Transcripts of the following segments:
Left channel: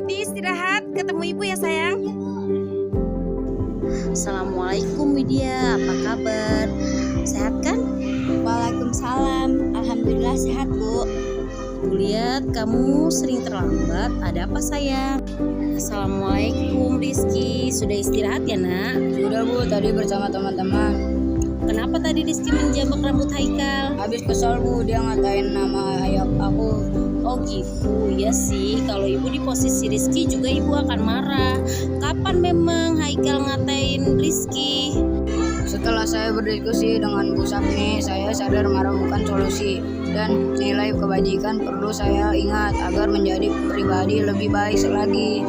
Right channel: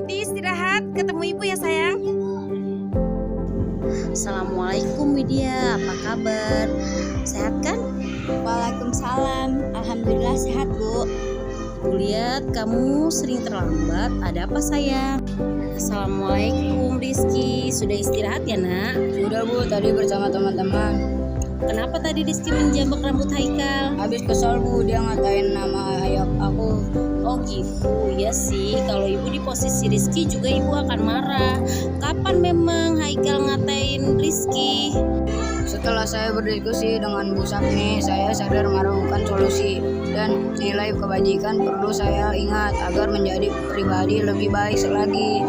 nanti istirahat ketemu ibu ya sayang. Assalamualaikum Widya, apa kabar? Sehat kan? Waalaikumsalam, alhamdulillah sehat Bu. Ibu lihat kamu sering terlambat, ada apa sayang? Assalamualaikum Rizky, sudah istirahat ya nak? Sudah Bu, tadi bersama teman-teman. Kenapa tadi Rizky menjambak rambut Haikal? Habis kesal Bu, dia ngatain nama ayah aku. Oh gitu, ya sih. Kalau ibu di posisi Rizky juga ibu akan marah. Kapan memang Haikal ngatain Rizky? Setelah saya berdiskusi dengan Bu Sapni, saya sadar marah bukan solusi. Dan nilai kebajikan perlu saya ingat agar menjadi pribadi lebih baik lagi.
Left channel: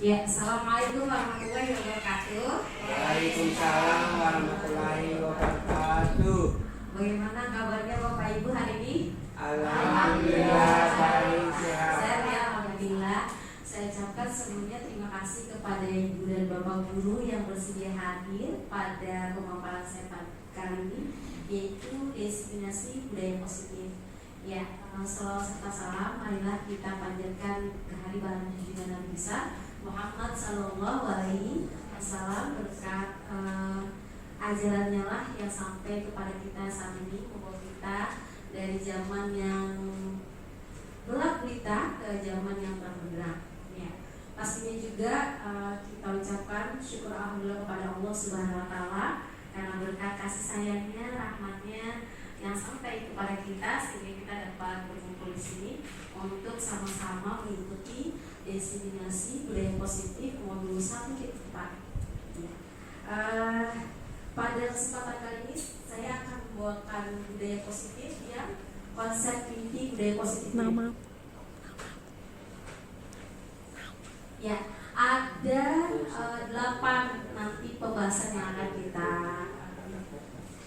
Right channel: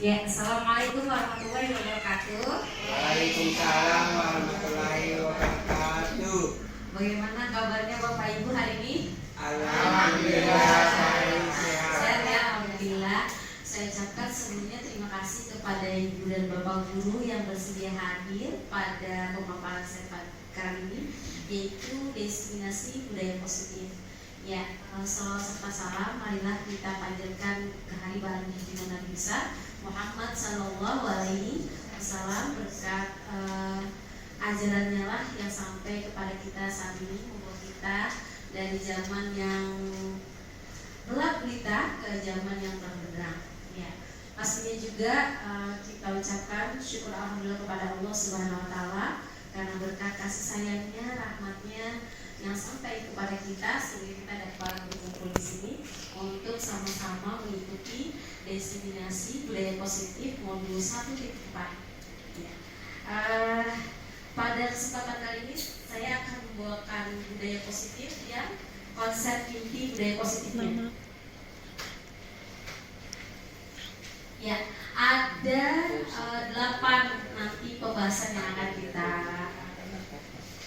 Ya, assalamualaikum warahmatullahi wabarakatuh. Waalaikumsalam warahmatullahi wabarakatuh. Bagaimana kabarnya Bapak Ibu hari ini? Alhamdulillah baik sehat. Sehat ya, alhamdulillah. Saya ucapkan sebelumnya terima kasih kepada Ibu dan Bapak Guru yang bersedia hadir pada pemaparan saya kali ini, yaitu destinasi budaya positif. Ya, salawat serta salam, marilah kita panjatkan ke hari barang junjungan Nabi besar Muhammad Sallallahu Alaihi Wasallam, berkat ajarannya lah yang sampai kepada kita saat ini, membawa kita dari zaman yang gelap gulita ke zaman yang terang benderang. Ya, pastinya juga kita ucapkan syukur alhamdulillah kepada Allah Subhanahu Wa Taala karena berkat kasih sayangnya, rahmatnya yang sampai kepada kita sehingga kita dapat berkumpul di sini untuk sama-sama mengikuti destinasi budaya positif modul 1.4. Ya. Pada kesempatan kali ini saya akan membawakan budaya positif yang konsep inti budaya positif. Ya, ada 8 nanti pembahasan yang akan kita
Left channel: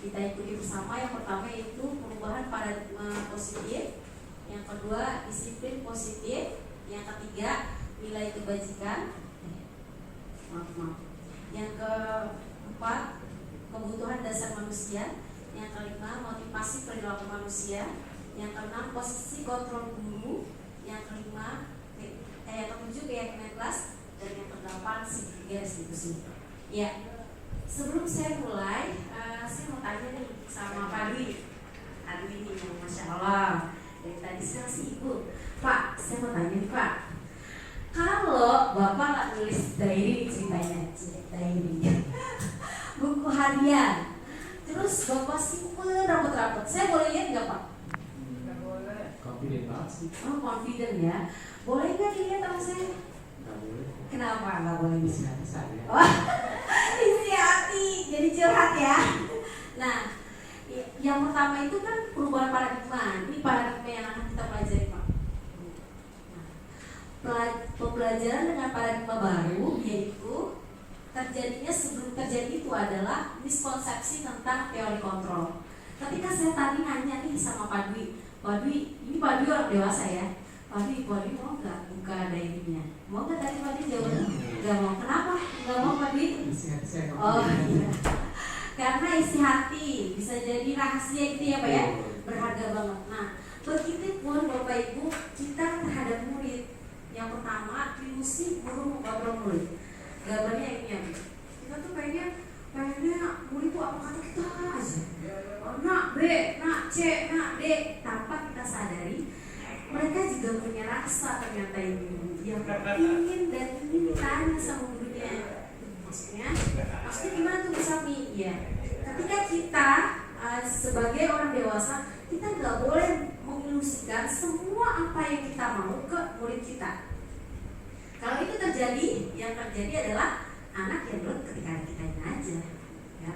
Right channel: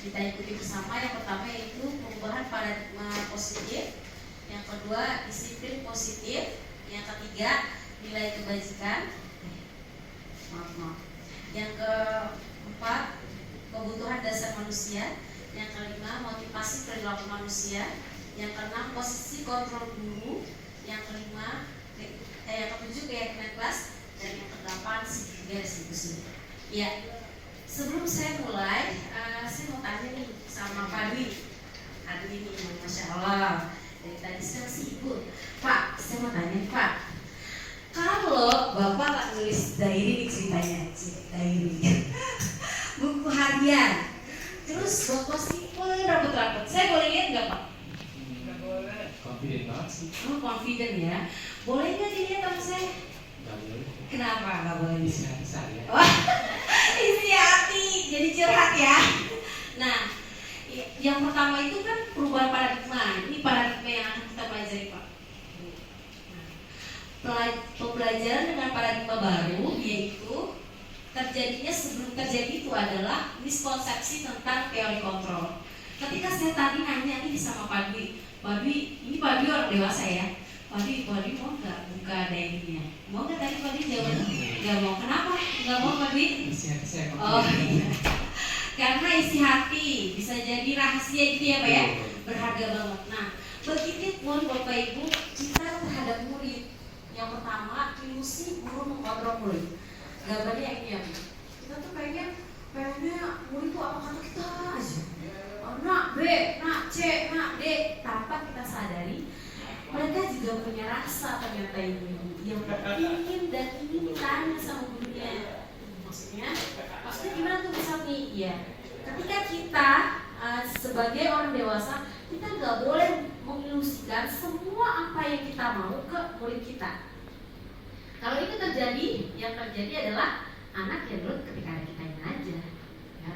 ikuti bersama. Yang pertama yaitu perubahan paradigma positif, yang kedua disiplin positif, yang ketiga nilai kebajikan, yang keempat kebutuhan dasar manusia, yang kelima motivasi perilaku manusia, yang keenam posisi kontrol guru, yang kelima yang ketujuh keyakinan kelas, dan yang kedelapan segitiga distribusi. Ya, sebelum saya mulai, saya mau tanya nih sama Pak Dwi. Aduh ini, Masya Allah, dari tadi siang sibuk. Pak, saya mau tanya nih Pak, kalau Bapak nggak nulis diary, ceritanya diary buku harian, terus Bapak simpen rapet-rapet, saya boleh lihat nggak Pak? Nggak boleh. Confident banget sih. Oh, confident ya. Boleh nggak dilihat sama saya? Nggak boleh. Kenapa nggak boleh? Isi hati saya. Oh, isi hati, jadi curhat ya. Nah, yang pertama itu kan perubahan paradigma. Ini paradigma yang akan kita pelajari Pak. Nah, pembelajaran dengan paradigma baru yaitu terjadinya sebelum terjadi itu adalah miskonsepsi tentang teori kontrol. Ketika saya tadi nanya nih sama Pak Dwi, ini Pak Dwi orang dewasa ya. Pak Dwi mau nggak buka diary-nya? Mau nggak tadi Pak Dwi jawabannya? Nggak mau. Kenapa? Nggak mau Pak Dwi? Isi hati saya. Oh iya. Karena isi hati bisa jadi rahasia itu ya Pak ya, berharga banget. Nah, begitu pun Bapak Ibu kita terhadap murid. Yang pertama, ilusi guru mengontrol murid. Gambarnya ini ya, kita tuh pengennya murid itu apa kata kita aja. Oh, nak B, nak C, nak D, tanpa kita sadari mereka juga punya rasa ternyata ini yang ingin dan ingin ditanya sama gurunya. Maksudnya gimana tuh misal nih? Ya, ketika kita sebagai orang dewasa kita nggak boleh mengilusikan semua apa yang kita mau ke murid kita. Kalau itu terjadi, yang terjadi adalah anak yang nurut ketika kita aja, ya.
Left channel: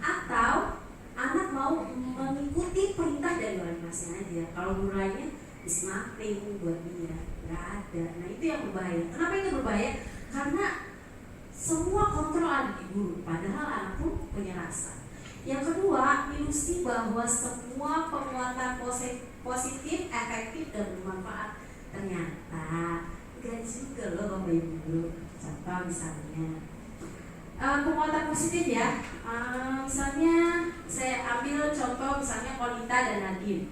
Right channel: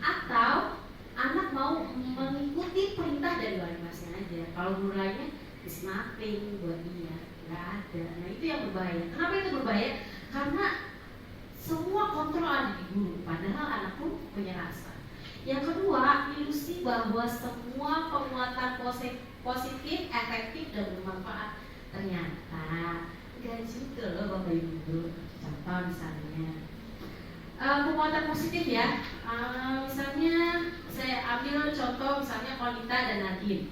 Atau anak mau mengikuti perintah dari wali kelasnya aja. Kalau guru lainnya is nothing buat dia. nggak ada. Nah itu yang berbahaya. Kenapa itu berbahaya? Karena semua kontrol ada di guru, padahal anak pun punya rasa. Yang kedua, ilusi bahwa semua penguatan positif, efektif dan bermanfaat. Ternyata enggak juga loh Bapak Ibu guru. Contoh misalnya penguatan positif ya. Misalnya saya ambil contoh misalnya Kolita dan Nadine.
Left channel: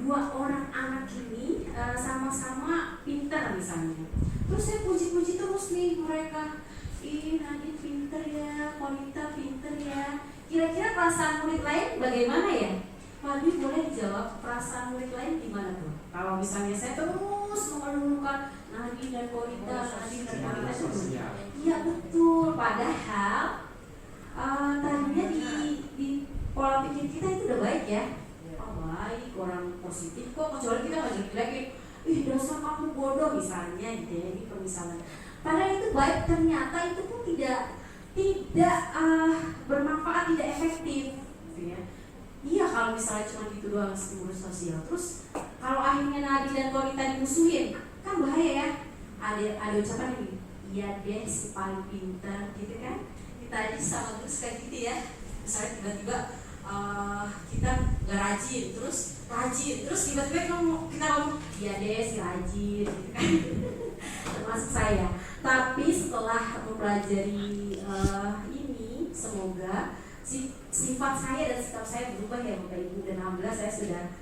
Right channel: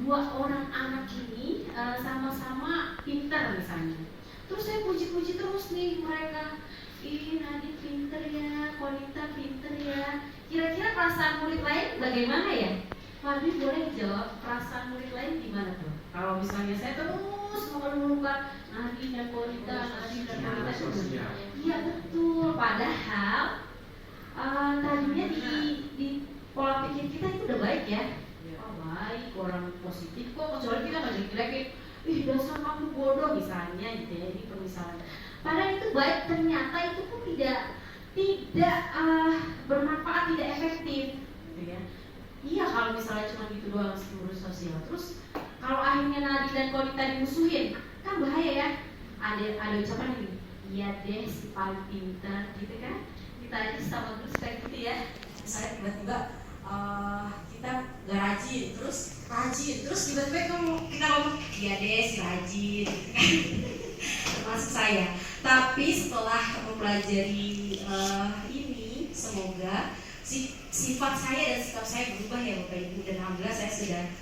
Dua orang anak ini sama-sama pintar misalnya. Terus saya puji-puji terus nih mereka. Ih Nadine pinter ya, Kolita pinter ya. Kira-kira perasaan murid lain bagaimana ya? Pak Dwi boleh dijawab perasaan murid lain gimana tuh? Kalau misalnya saya terus mengeluhkan Nadine dan Kolita, Nadine dan Kolita itu. Iya betul. Padahal tadinya di pola pikir kita itu udah baik ya. Oh baik, orang positif kok. Kecuali kita nggak jelek-jelekin. Ih dasar kamu bodoh misalnya gitu ya. Ini permisalan. Padahal itu baik, ternyata itu pun tidak bermanfaat, tidak efektif gitu ya. Iya kalau misalnya cuma gitu doang ngurus sosial. Terus kalau akhirnya Nadine dan Kolita dimusuhin kan bahaya ya. Ada ucapan ini, iya deh si paling pintar gitu kan. Kita aja sama terus kayak gitu ya. Misalnya tiba-tiba kita gak rajin, terus tiba-tiba kita ngomong iya deh si rajin gitu kan. Termasuk saya. Tapi setelah mempelajari ini, semoga sifat saya dan sikap saya berubah ya Bapak Ibu, dan alhamdulillah saya sudah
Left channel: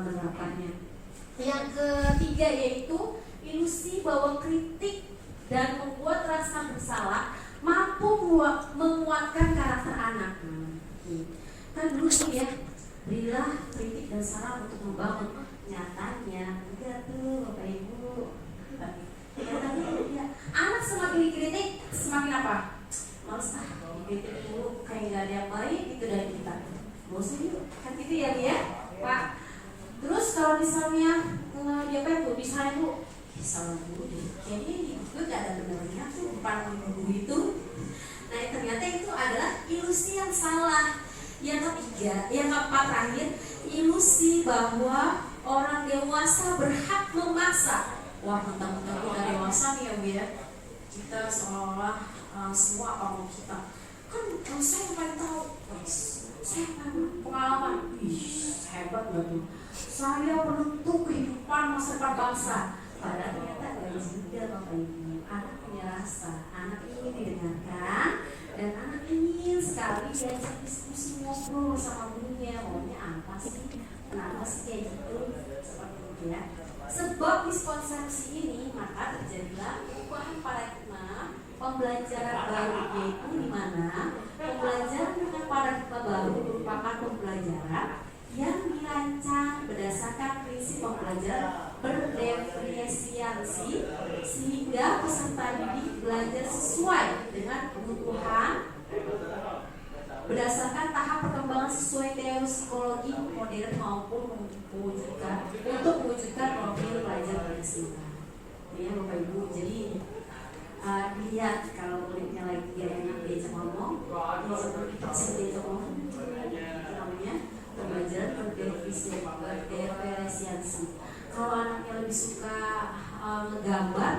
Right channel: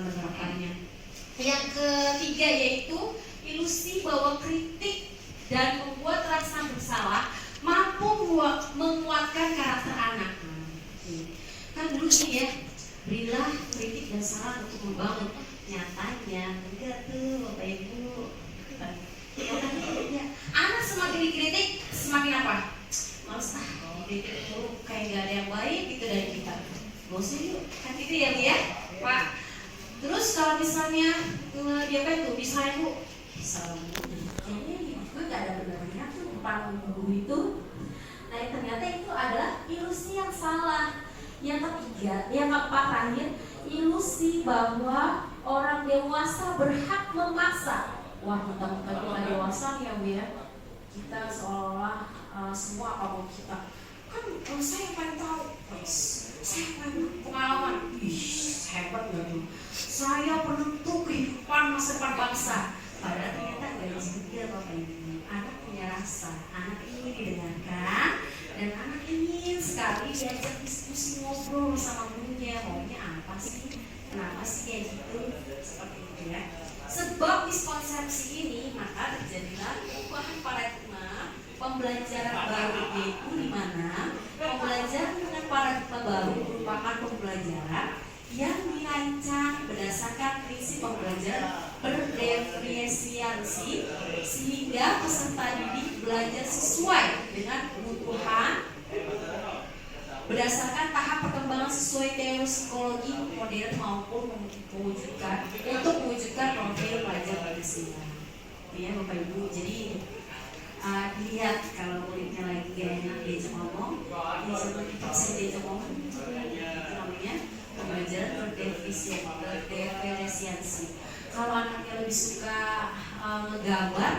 menerapkannya. Yang ketiga yaitu ilusi bahwa kritik dan membuat rasa bersalah mampu menguatkan karakter anak. Kan dulu nih ya, berilah kritik dan saran untuk membangun. Nyatanya enggak tuh Bapak Ibu. Nyatanya enggak. Anak semakin dikritik semakin apa? Males dikritik mulu, kayak gak ada yang baik gitu dari kita. Gak usah yuk, kan gitu ya Bu ya Pak. Terus kalau misalnya dia apa tuh, misalnya Bu, salah Bu, kayaknya gue gak ada benernya tuh depan guru itu. Nah ternyata itu adalah ilusi yang salah. Yang ketiga, yang keempat terakhir, ilusi bahwa orang dewasa berhak memaksa. Wah mentang-mentang kita dewasa nih ya Bu ya, kita seolah semua apa mau kita. Kan saya yang paling tahu, saya yang paling pengalaman. Ih hebat gak tuh, saya penentu kehidupan masa depan bangsa. Padahal ternyata gak juga Bapak Ibu. Anak punya rasa, anak ingin didengarkan, dan anak ingin sekali diajak diskusi ngobrol sama gurunya. Maunya apa sih? Kenapa sih kayak gitu? Seperti itu ya. Sebab miskonsepsi ini maka terjadilah perubahan paradigma pembelajaran baru, yaitu di mana pembelajaran dengan paradigma baru merupakan pembelajaran yang dirancang berdasarkan prinsip pembelajaran berdiferensiasi sehingga peserta didik belajar sesuai dengan kebutuhan berdasarkan tahap perkembangan sesuai teori psikologi modern maupun untuk mewujudkan profil pelajar Pancasila. Ya Bapak Ibu, jadi lihat kalau muridnya lagi gak enak diajak ngomong, diajak ngomong, itu namanya pembelajaran berdiferensiasi. Kalau anaknya lebih suka ngegambar,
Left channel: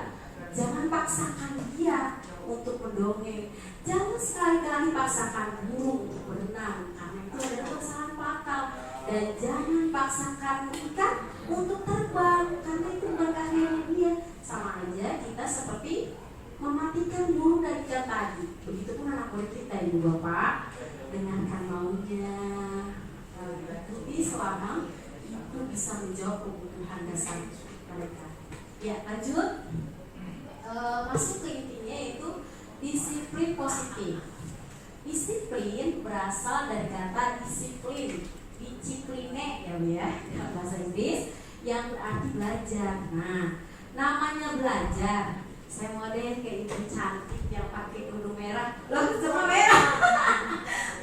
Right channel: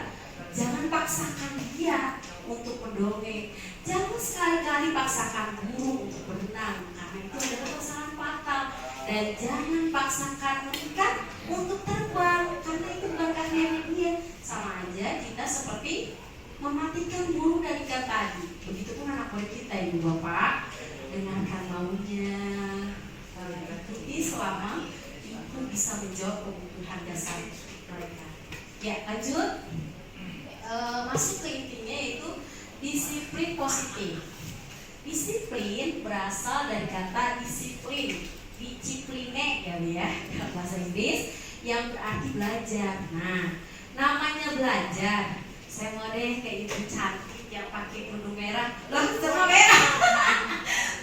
jangan paksakan dia untuk mendongeng. Jangan sekali-kali paksakan guru untuk berenang, karena itu adalah kesalahan fatal. Dan jangan paksakan ikan untuk terbang, karena itu bukan keahliannya dia. Sama aja kita seperti mematikan bulu dari ikan tadi. Begitupun anak murid kita Ibu Bapak, dengarkan maunya, ikuti selama itu bisa menjawab kebutuhan dasar mereka. Ya lanjut, masuk ke intinya yaitu disiplin positif. Disiplin berasal dari kata disiplin, discipline ya bahasa Inggris, yang berarti belajar. Nah, namanya belajar. Saya mau deh kayak ibu cantik yang pakai kerudung merah. Loh, semua merah.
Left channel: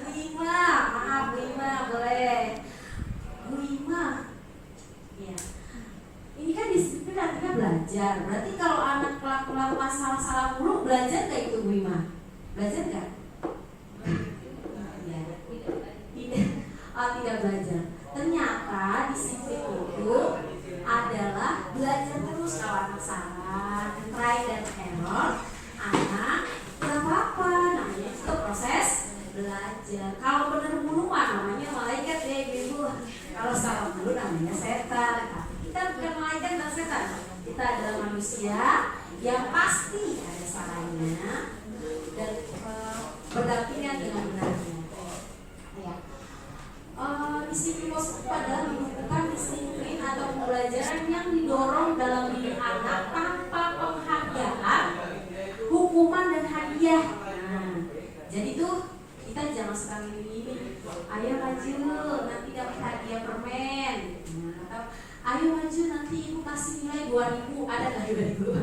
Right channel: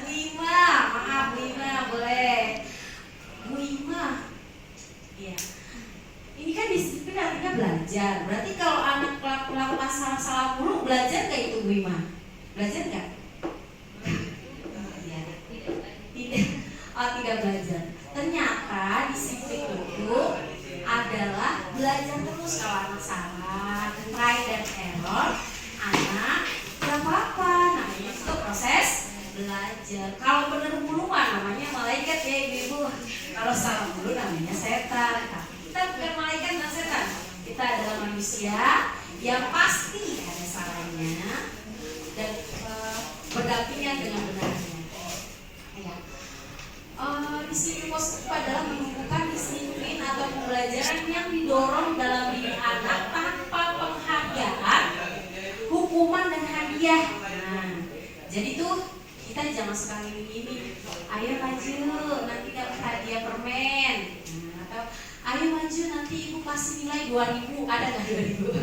Wima, maaf Wima, boleh. Wima. Iya. Ini kan disiplin artinya belajar. Berarti kalau anak melakukan salah-salah mulu, belajar nggak itu Bu Ima? Belajar nggak? Iya. Tidak belajar. Ternyata disiplin itu adalah belajar terus kalau anak pasti ada salahnya dan berdampingan dengan benarnya. Ya. Di sini positif adalah menemukan disiplin atau pembelajaran yang didorong dalam diri anak tanpa penghargaan, hukuman dan hadiah. Nah, jadi tuh kita jangan suka gini-gini. Ayo maju, nanti dapat hadiah permen. Nah, atau ayo maju, nanti ibu kasih nilai 2000. Ada nggak 2000?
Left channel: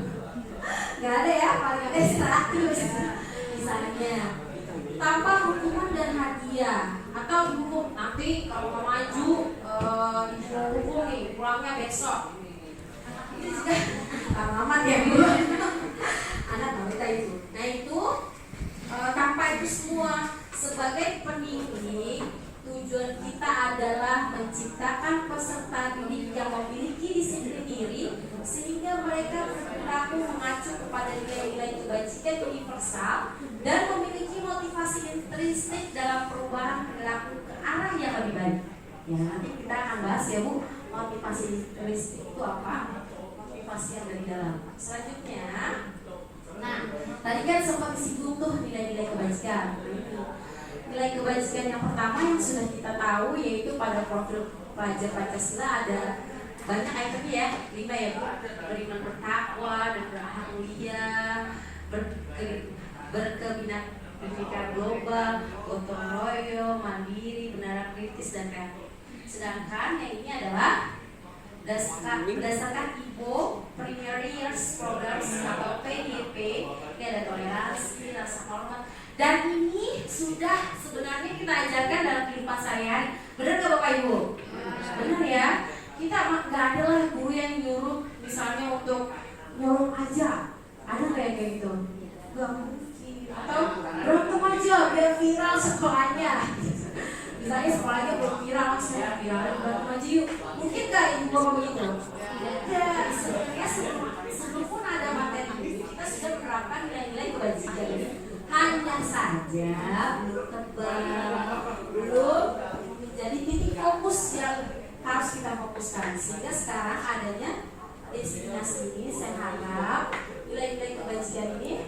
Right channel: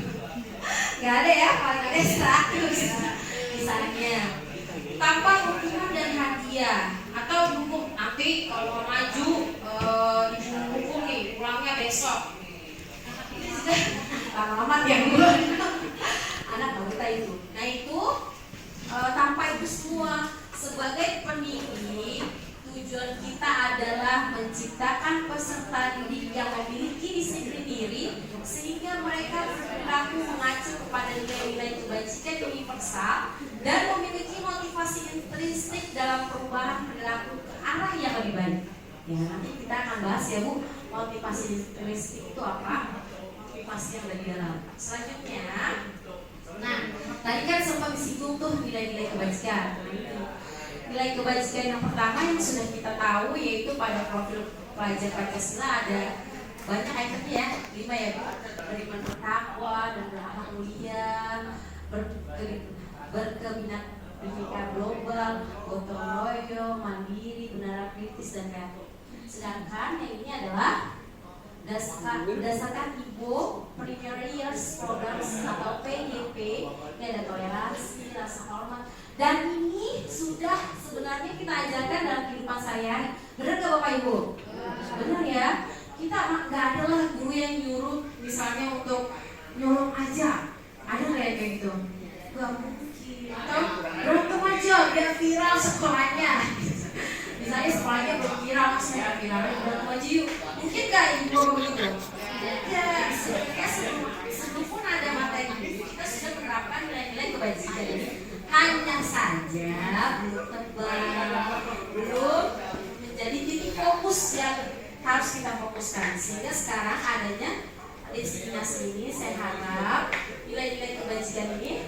Nggak ada ya, paling ada 100 misalnya. Tanpa hukuman dan hadiah. Atau dulu nanti kalau mau maju ibu hukum nih, pulangnya besok. Ini sudah lama ya dulu. Anak wanita itu. Nah itu tanpa itu semua, sebagai pendidik tujuan kita adalah menciptakan peserta didik yang memiliki disiplin diri sehingga mereka berperilaku mengacu kepada nilai-nilai kebajikan universal dan memiliki motivasi intrinsik dalam perubahan perilaku ke arah yang lebih baik. Ya, nanti kita akan bahas ya Bu, motivasi intrinsik itu apa? Motivasi yang dari dalam. Selanjutnya, nah tadi kan sempat disinggung tuh nilai-nilai kebajikan. Nilai kebajikan yang pertama yang sudah kita tahu yaitu pada profil pelajar Pancasila ada banyak itemnya ya, 5 ya Bu. Beriman bertakwa dan berakhlak mulia, berkebinekaan global, gotong royong, mandiri, benar kritis dan kreatif. Sedangkan yang ini adalah berdasarkan IPO Primary Years Programs atau PYP, ini ada toleransi, rasa hormat, dan ini sudah sebenarnya kita ajarkan dalam kehidupan sehari-hari. Benar nggak Bapak Ibu? Benar ya. Kita nggak ada lah guru yang nyuruh misalnya untuk nyuruh aja. Ada nggak yang kayak gitu? Gak mungkin. Atau beruntung aja biar viral sekolahnya. Misalnya sekolahnya belum viral, langsung viral, beruntung aja yuk. Mungkin nggak ibu begitu? Tidak. Sebenarnya sebelum ada materi ini, kita sudah menerapkan nilai-nilai kebajikan ini. Hanya saja belum tebal, belum menjadi titik fokus yang harus kita fokuskan. Sehingga sekarang adanya destinasi ini, saya harap nilai-nilai kebajikan ini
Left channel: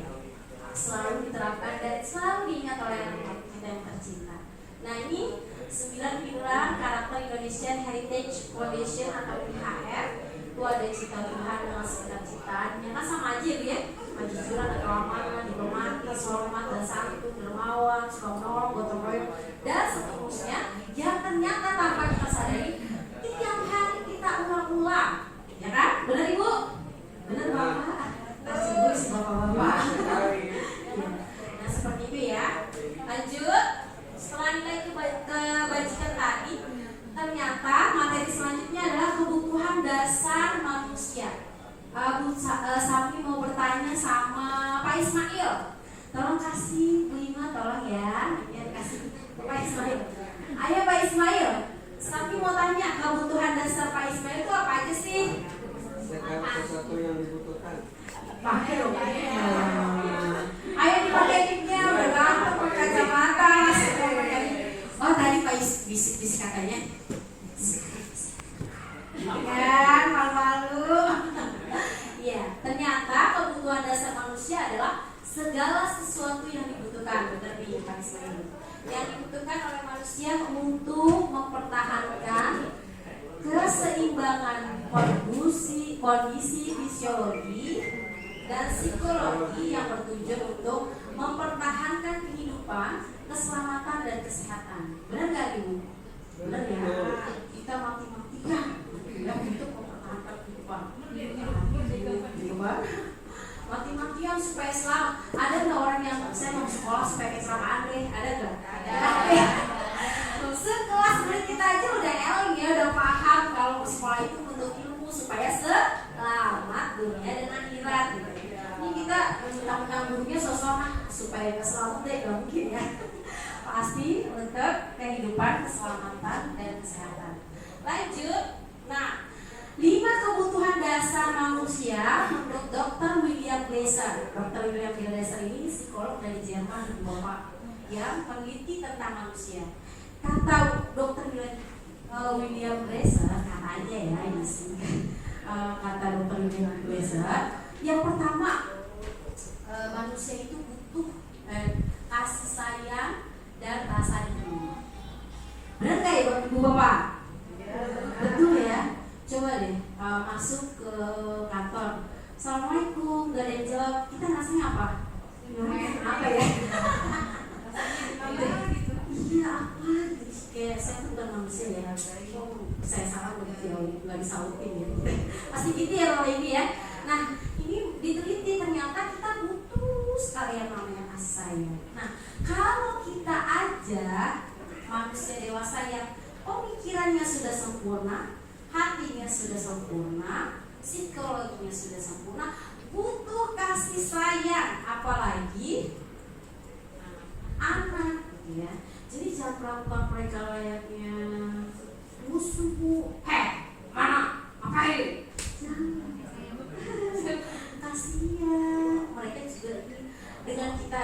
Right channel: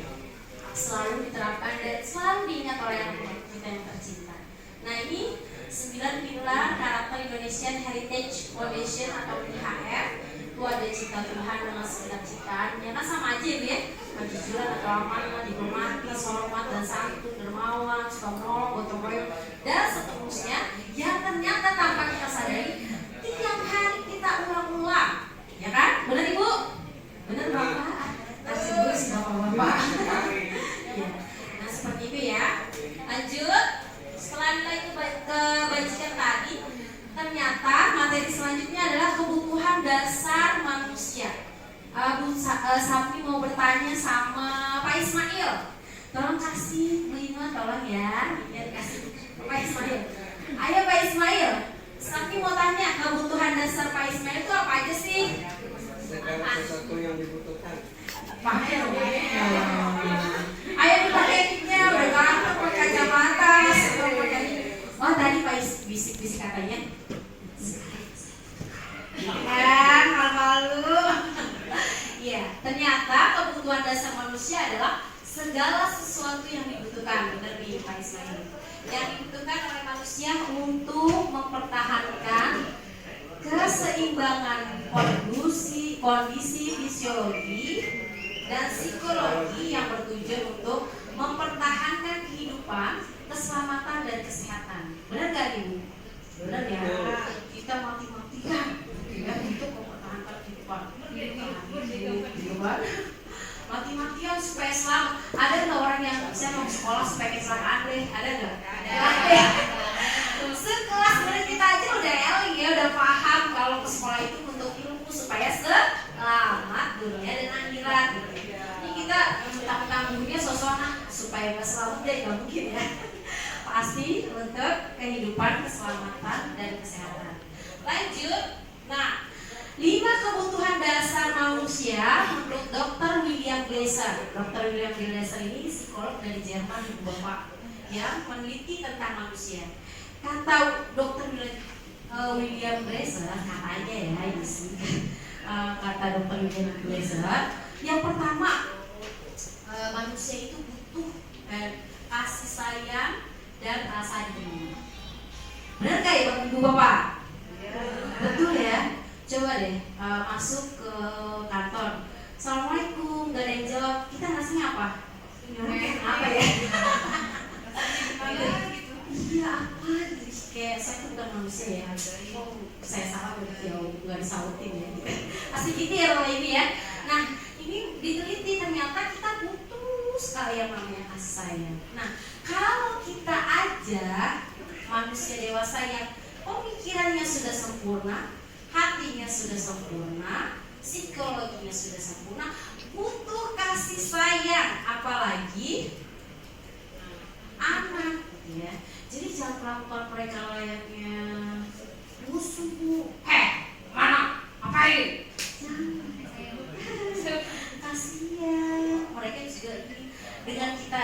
selalu diterapkan dan selalu diingat oleh anak kita yang tercinta. Nah ini 9 pilar karakter Indonesian Heritage Foundation atau IHF. Itu ada cita Tuhan dengan segenap ciptaannya. Nah sama aja ya, kejujuran, keamanan, diplomatis, hormat dan santun, dermawan, suka menolong, gotong royong dan seterusnya yang ternyata tanpa kita sadari tiap hari kita ulang-ulang, ya kan? Benar Ibu? Benar Bapak? Kasih gue sih Bapak-bapak. Ya. Nah seperti itu ya. Lanjut. Setelah nilai kebajikan tadi, ternyata materi selanjutnya adalah kebutuhan dasar manusia. Bu Sapni mau bertanya sama Pak Ismail. Tolong kasih Bu Ima, tolong ya. Ya dikasih Pak Ismail. Ayo Pak Ismail. Sapni mau tanya kebutuhan dasar Pak Ismail itu apa aja sih? Segala sesuatu yang dibutuhkan. Pakai dong. Ayo dipakai-nya, berganteng pakai kacamata. Oh tadi Pak bisik-bisik katanya. Kan malu-malu. Ya, ternyata kebutuhan dasar manusia adalah segala sesuatu yang dibutuhkan. Benar nih Pak Ismail. Yang dibutuhkan oleh manusia untuk mempertahankan keseimbangan kondisi fisiologi dan psikologi yang bertujuan untuk mempertahankan kehidupan, keselamatan dan kesehatan. Benar gak Ibu? Benar ya. Kita mati-matikan ya untuk mempertahankan kehidupan. Mati-matian supaya selamat. Ada nggak orang yang saya mau sekolah supaya kecelakaan deh? Ada nggak? Ada. Sekelas murid kita aja udah eling ya, udah paham kalau sekolah itu untuk ilmu supaya selamat dunia dan akhirat. Ini kita mentang-mentang gurunya sosok supaya nggak selamat deh, nggak mungkin ya. Pasti untuk kehidupan, keselamatan dan kesehatan. Lanjut. Nah, 5 kebutuhan dasar manusia menurut Dr. William Glasser. Dr. William Glasser ini psikolog dari Jerman, Ibu Bapak, yang meneliti tentang manusia. Kata Dr. William Glasser, katanya ya ini sih, kata Dr. William Glasser, yang pertama Bu Bapak? Betul ya? Coba deh masuk ke kantor. Assalamualaikum, gak ada yang jawab. Kita ngasihnya apa? Apa ya? Iya apa? Kayak saya tuh bukan manusia ya. Saya salah nggak disautin ya. Pasti gitu ya kalau ini ya. Nah ini diteliti ternyata kita butuh sekali yang namanya kasih sayang. Nah kalau kita aja manusia dewasa yang pemikirannya sudah sempurna, hatinya sudah sempurna, psikologinya sudah sempurna, butuh kasih sayang, apalagi anak, ya. Jadi jangan melakukan mereka layaknya musuh, mana, ngapain? Jangan, kasihan. Mereka juga dengan kita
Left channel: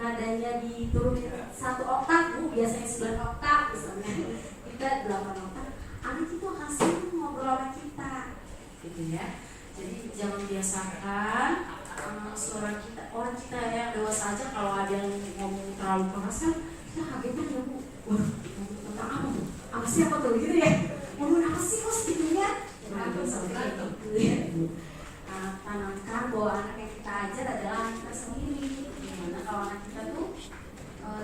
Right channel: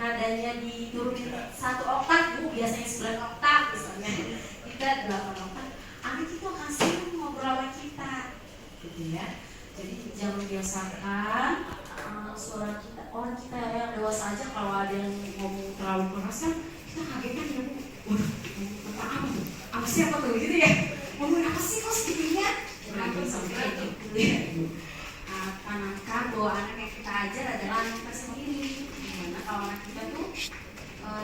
nadanya diturunin 1 oktav, biasanya 9 oktav misalnya, kita 8 oktav. Anak itu kasih ngobrol sama kita, gitu ya. Jadi jangan biasakan suara kita, orang kita yang dewasa aja kalau ada yang ngomong terlalu keras kan kita kagetnya ya Bu. Waduh, apa sih apa tuh gitu ya? Ngomong apa sih kok segitunya? Jangan sampai gitu ya. Panangkan bahwa anak yang kita ajar adalah anak kita sendiri. Dimana kalau anak kita tuh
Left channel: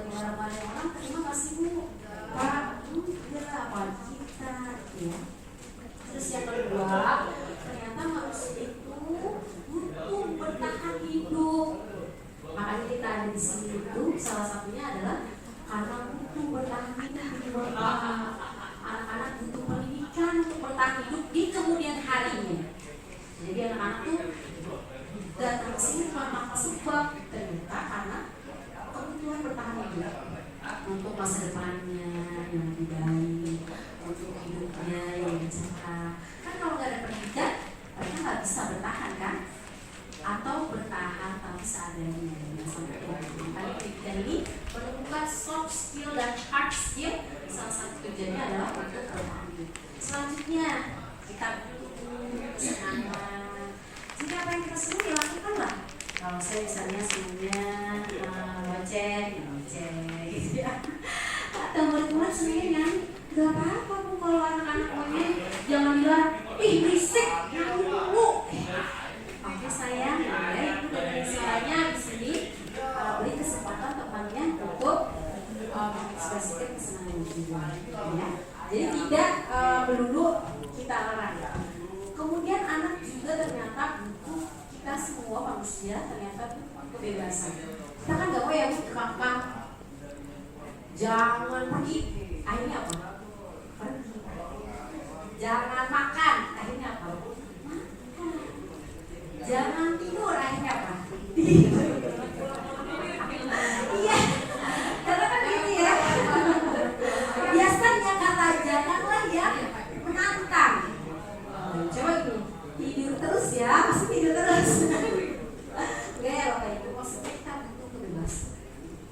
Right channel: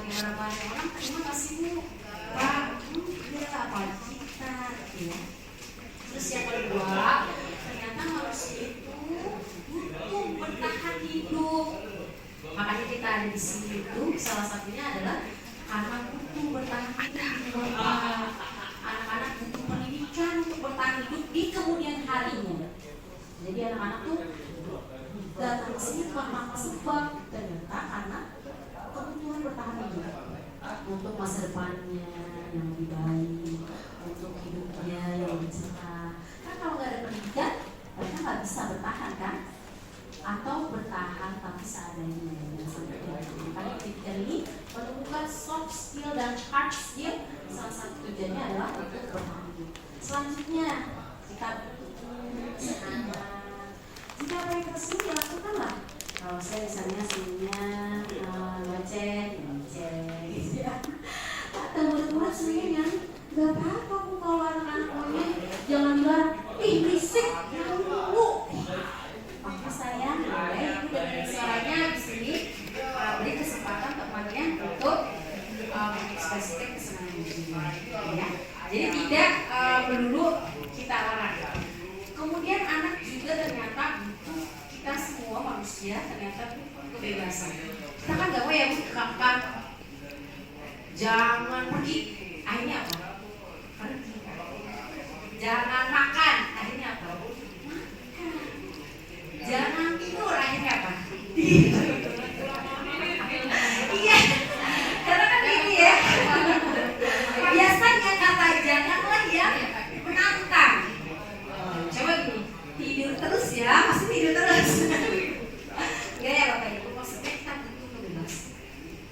diharapkan orang terima kasih Bu. Pak, iya apalagi kita, ya. Terus yang kedua, ternyata manusia itu butuh bertahan hidup. Makanya kita ada di sini itu salah satunya adalah karena butuh bertahan hidup. Anak-anak butuh pendidikan untuk bertahan hidup di kemudian harinya. Jadi anak-anak tuh datang ke sini tanpa sebab, ternyata karena kebutuhan bertahan hidup untuk masa depannya yang lebih baik, untuk hidupnya yang lebih cerah. Kan kalau nggak ada pendidikan, mereka nggak bisa bertahan kan? Atau bertahan tapi seadanya. Makanya pendidikan ini menemukan soft skill dan hard skill. Salah satu tujuannya adalah untuk bertahan hidup. Selanjutnya kita jika apa yang kita suruh ya lakukanlah. Kalau saya misalnya senangnya ngoceh gitu ya. Atau murid-murid senangnya nyanyi, gak apa-apa Bu kalau anak-anak maunya. Jangan bilang, ih berisik, nyanyi dulu. Oke sayang, ya Ibu dari suaranya di sini beri kesempatan temannya untuk mengekspresikan kesenangan jiwa, ya. Jadi tidak melulu kita larang. Kemudian anak juga ternyata butuh, kita semua manusia ternyata butuh kebebasan. Kita kan gak mau ya Bu kakak jangan pergi, akhirnya apa? Pergi. Jangan makan, akhirnya apa? Makan. Jangan tidur, akhirnya apa? Iya, karena kan gitu ya. Biasanya kata janganlah yang menantang. Coba gini, tidur terus ya, pasti tidur terus. Enggak ya Bapak Ibu, maksudnya kita butuh kebebasan.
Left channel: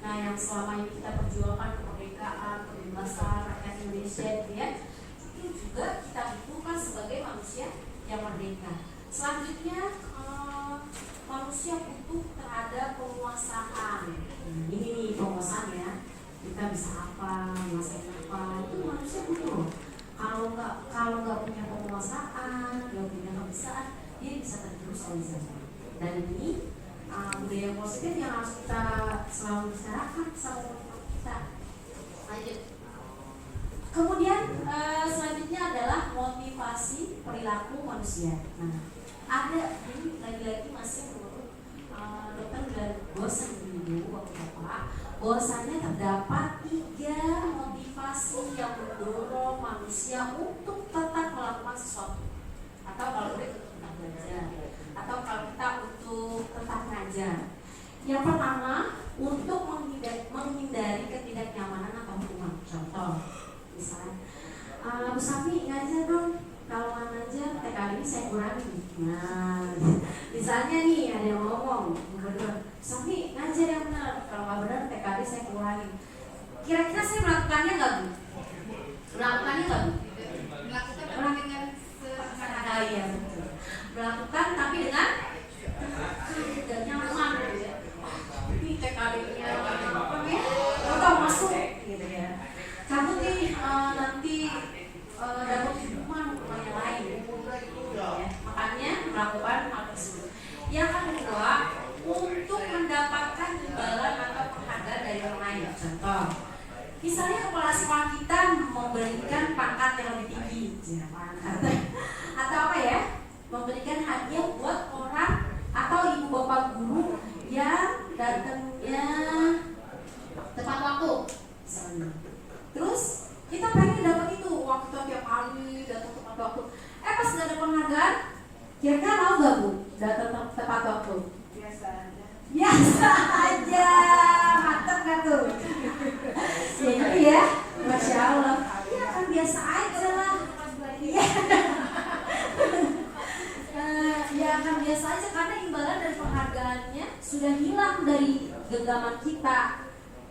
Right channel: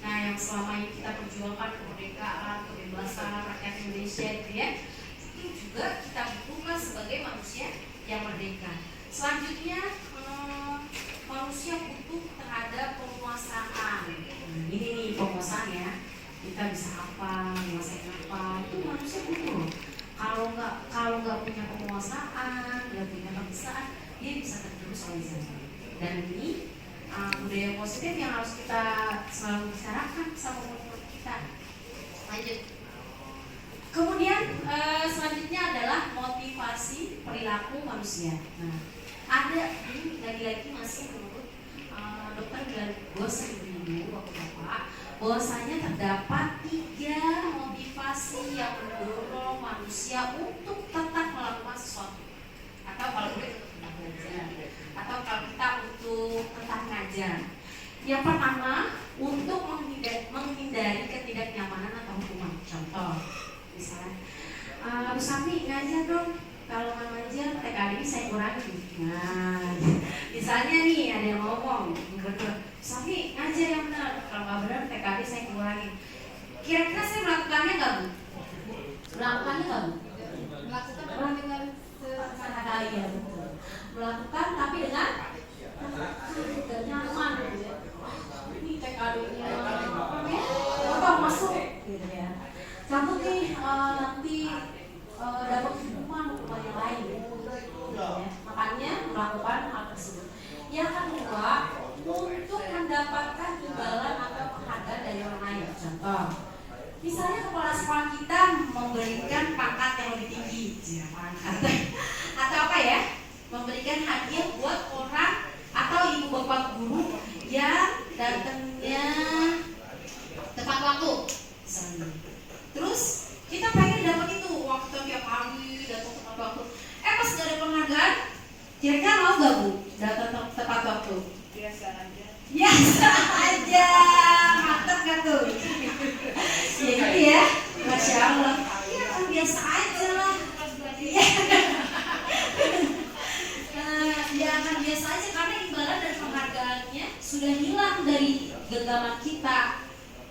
Nah yang selama ini kita perjuangkan kemerdekaan, kebebasan rakyat Indonesia gitu ya, itu juga kita butuhkan sebagai manusia yang merdeka. Selanjutnya manusia butuh terhadap penguasaan. Ini nih penguasaan ya, kita bisa apa, menguasai apa, itu manusia butuh. Kalau nggak punya penguasaan, nggak punya kebiasaan, dia bisa tergerus oleh zaman. Dan ini budaya positif yang harus kita selalu bicarakan sama teman-teman kita. Lanjut. Kemudian selanjutnya adalah motivasi perilaku manusia. Nah, ada ini lagi-lagi masih menurut dokter bilang gue seminggu waktu Bapak, bahwasanya terdapat 3 motivasi yang mendorong manusia untuk tetap melakukan sesuatu. Atau kalau gue tetap belajar, atau kalau kita untuk tetap ngajar. Yang pertama, untuk menghindari ketidaknyamanan atau hukuman. Contoh, misalnya, Bu Sami ngajar dong. Kalau nggak ngajar, TKD saya kurangi. Nah, misalnya nih ada yang ngomong, Sami ngajar yang benar. Kalau nggak benar, TKD saya kurangi. Kira-kira saya melakukannya nggak Bu? Melakukannya nggak Bu? Melakukan dengan iya betul. Melakukan tapi dengan nyaman gitu ya. Ini TKD-nya apa ya? Masuk gitu ya. Contoh nih kedua untuk mendapatkan imbalan atau penghargaan dari orang lain. Contoh, misalnya kepala sekolah kita memberikan pangkat yang lebih tinggi, ya, pangkat. Atau apa ya? Memberikan hadiah buat orang atau ibu bapak guru yang datangnya tepat waktu, misalnya. Terus kita pengen dapat itu waktu tiap hari datang tepat waktu. Pas gak ada penghargaan, kira-kira mau gak Bu datang tepat waktu? Biasa aja. Biasa aja, mantep gak tuh? Ya gitu ya, Masya Allah. Ya kan biasa aja lah. Iya. Ya akan biasa aja karena imbalan dari penghargaannya sudah hilang dari genggaman kita.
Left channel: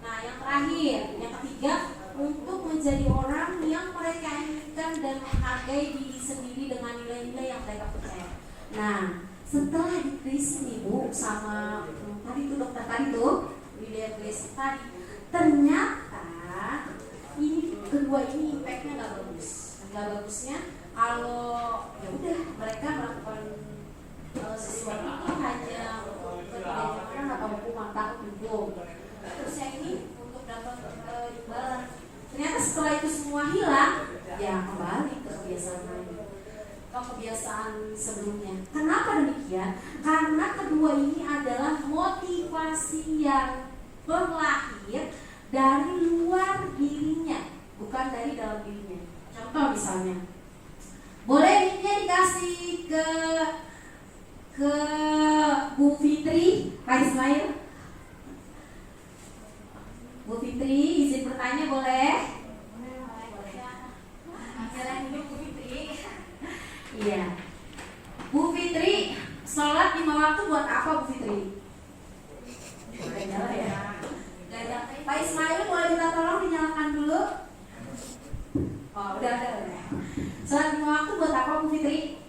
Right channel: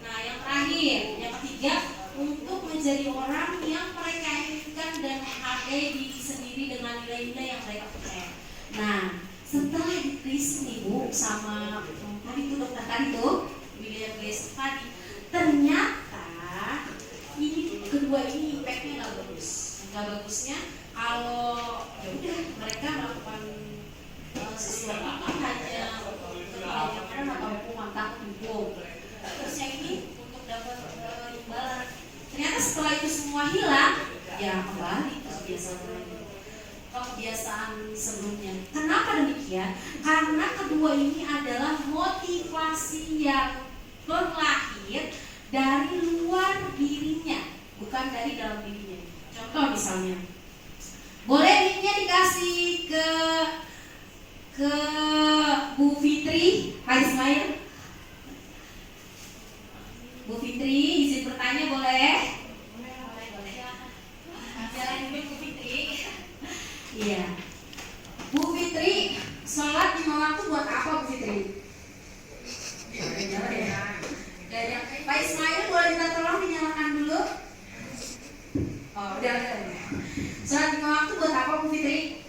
Nah yang terakhir, yang ketiga, untuk menjadi orang yang mereka inginkan dan menghargai diri sendiri dengan nilai-nilai yang mereka percaya. Nah setelah ditulis nih Bu sama tadi tuh dokter tadi tuh William Glaser tadi, ternyata ini kedua ini impactnya nggak bagus. Nggak bagusnya kalau ya udah mereka melakukan sesuatu itu hanya kemudian atau hukuman takut hukum. Terus yang ini untuk dapat imbalan. Ternyata setelah itu semua hilang, ya kembali ke kebiasaan lain, ke kebiasaan sebelumnya. Kenapa demikian? Karena kedua ini adalah motivasi yang berlahir dari luar dirinya, bukan dari dalam dirinya. Contoh misalnya, boleh linknya dikasih ke Bu Fitri, Pak Ismail. Bu Fitri, izin bertanya boleh? Boleh. Jalan dulu Bu Fitri. Iya. Bu Fitri, sholat 5 waktu buat apa Bu Fitri? Jalan ya. Pak Ismail boleh minta tolong dinyalakan dulu. Oh, udah. Sholat 5 waktu buat apa Bu Fitri?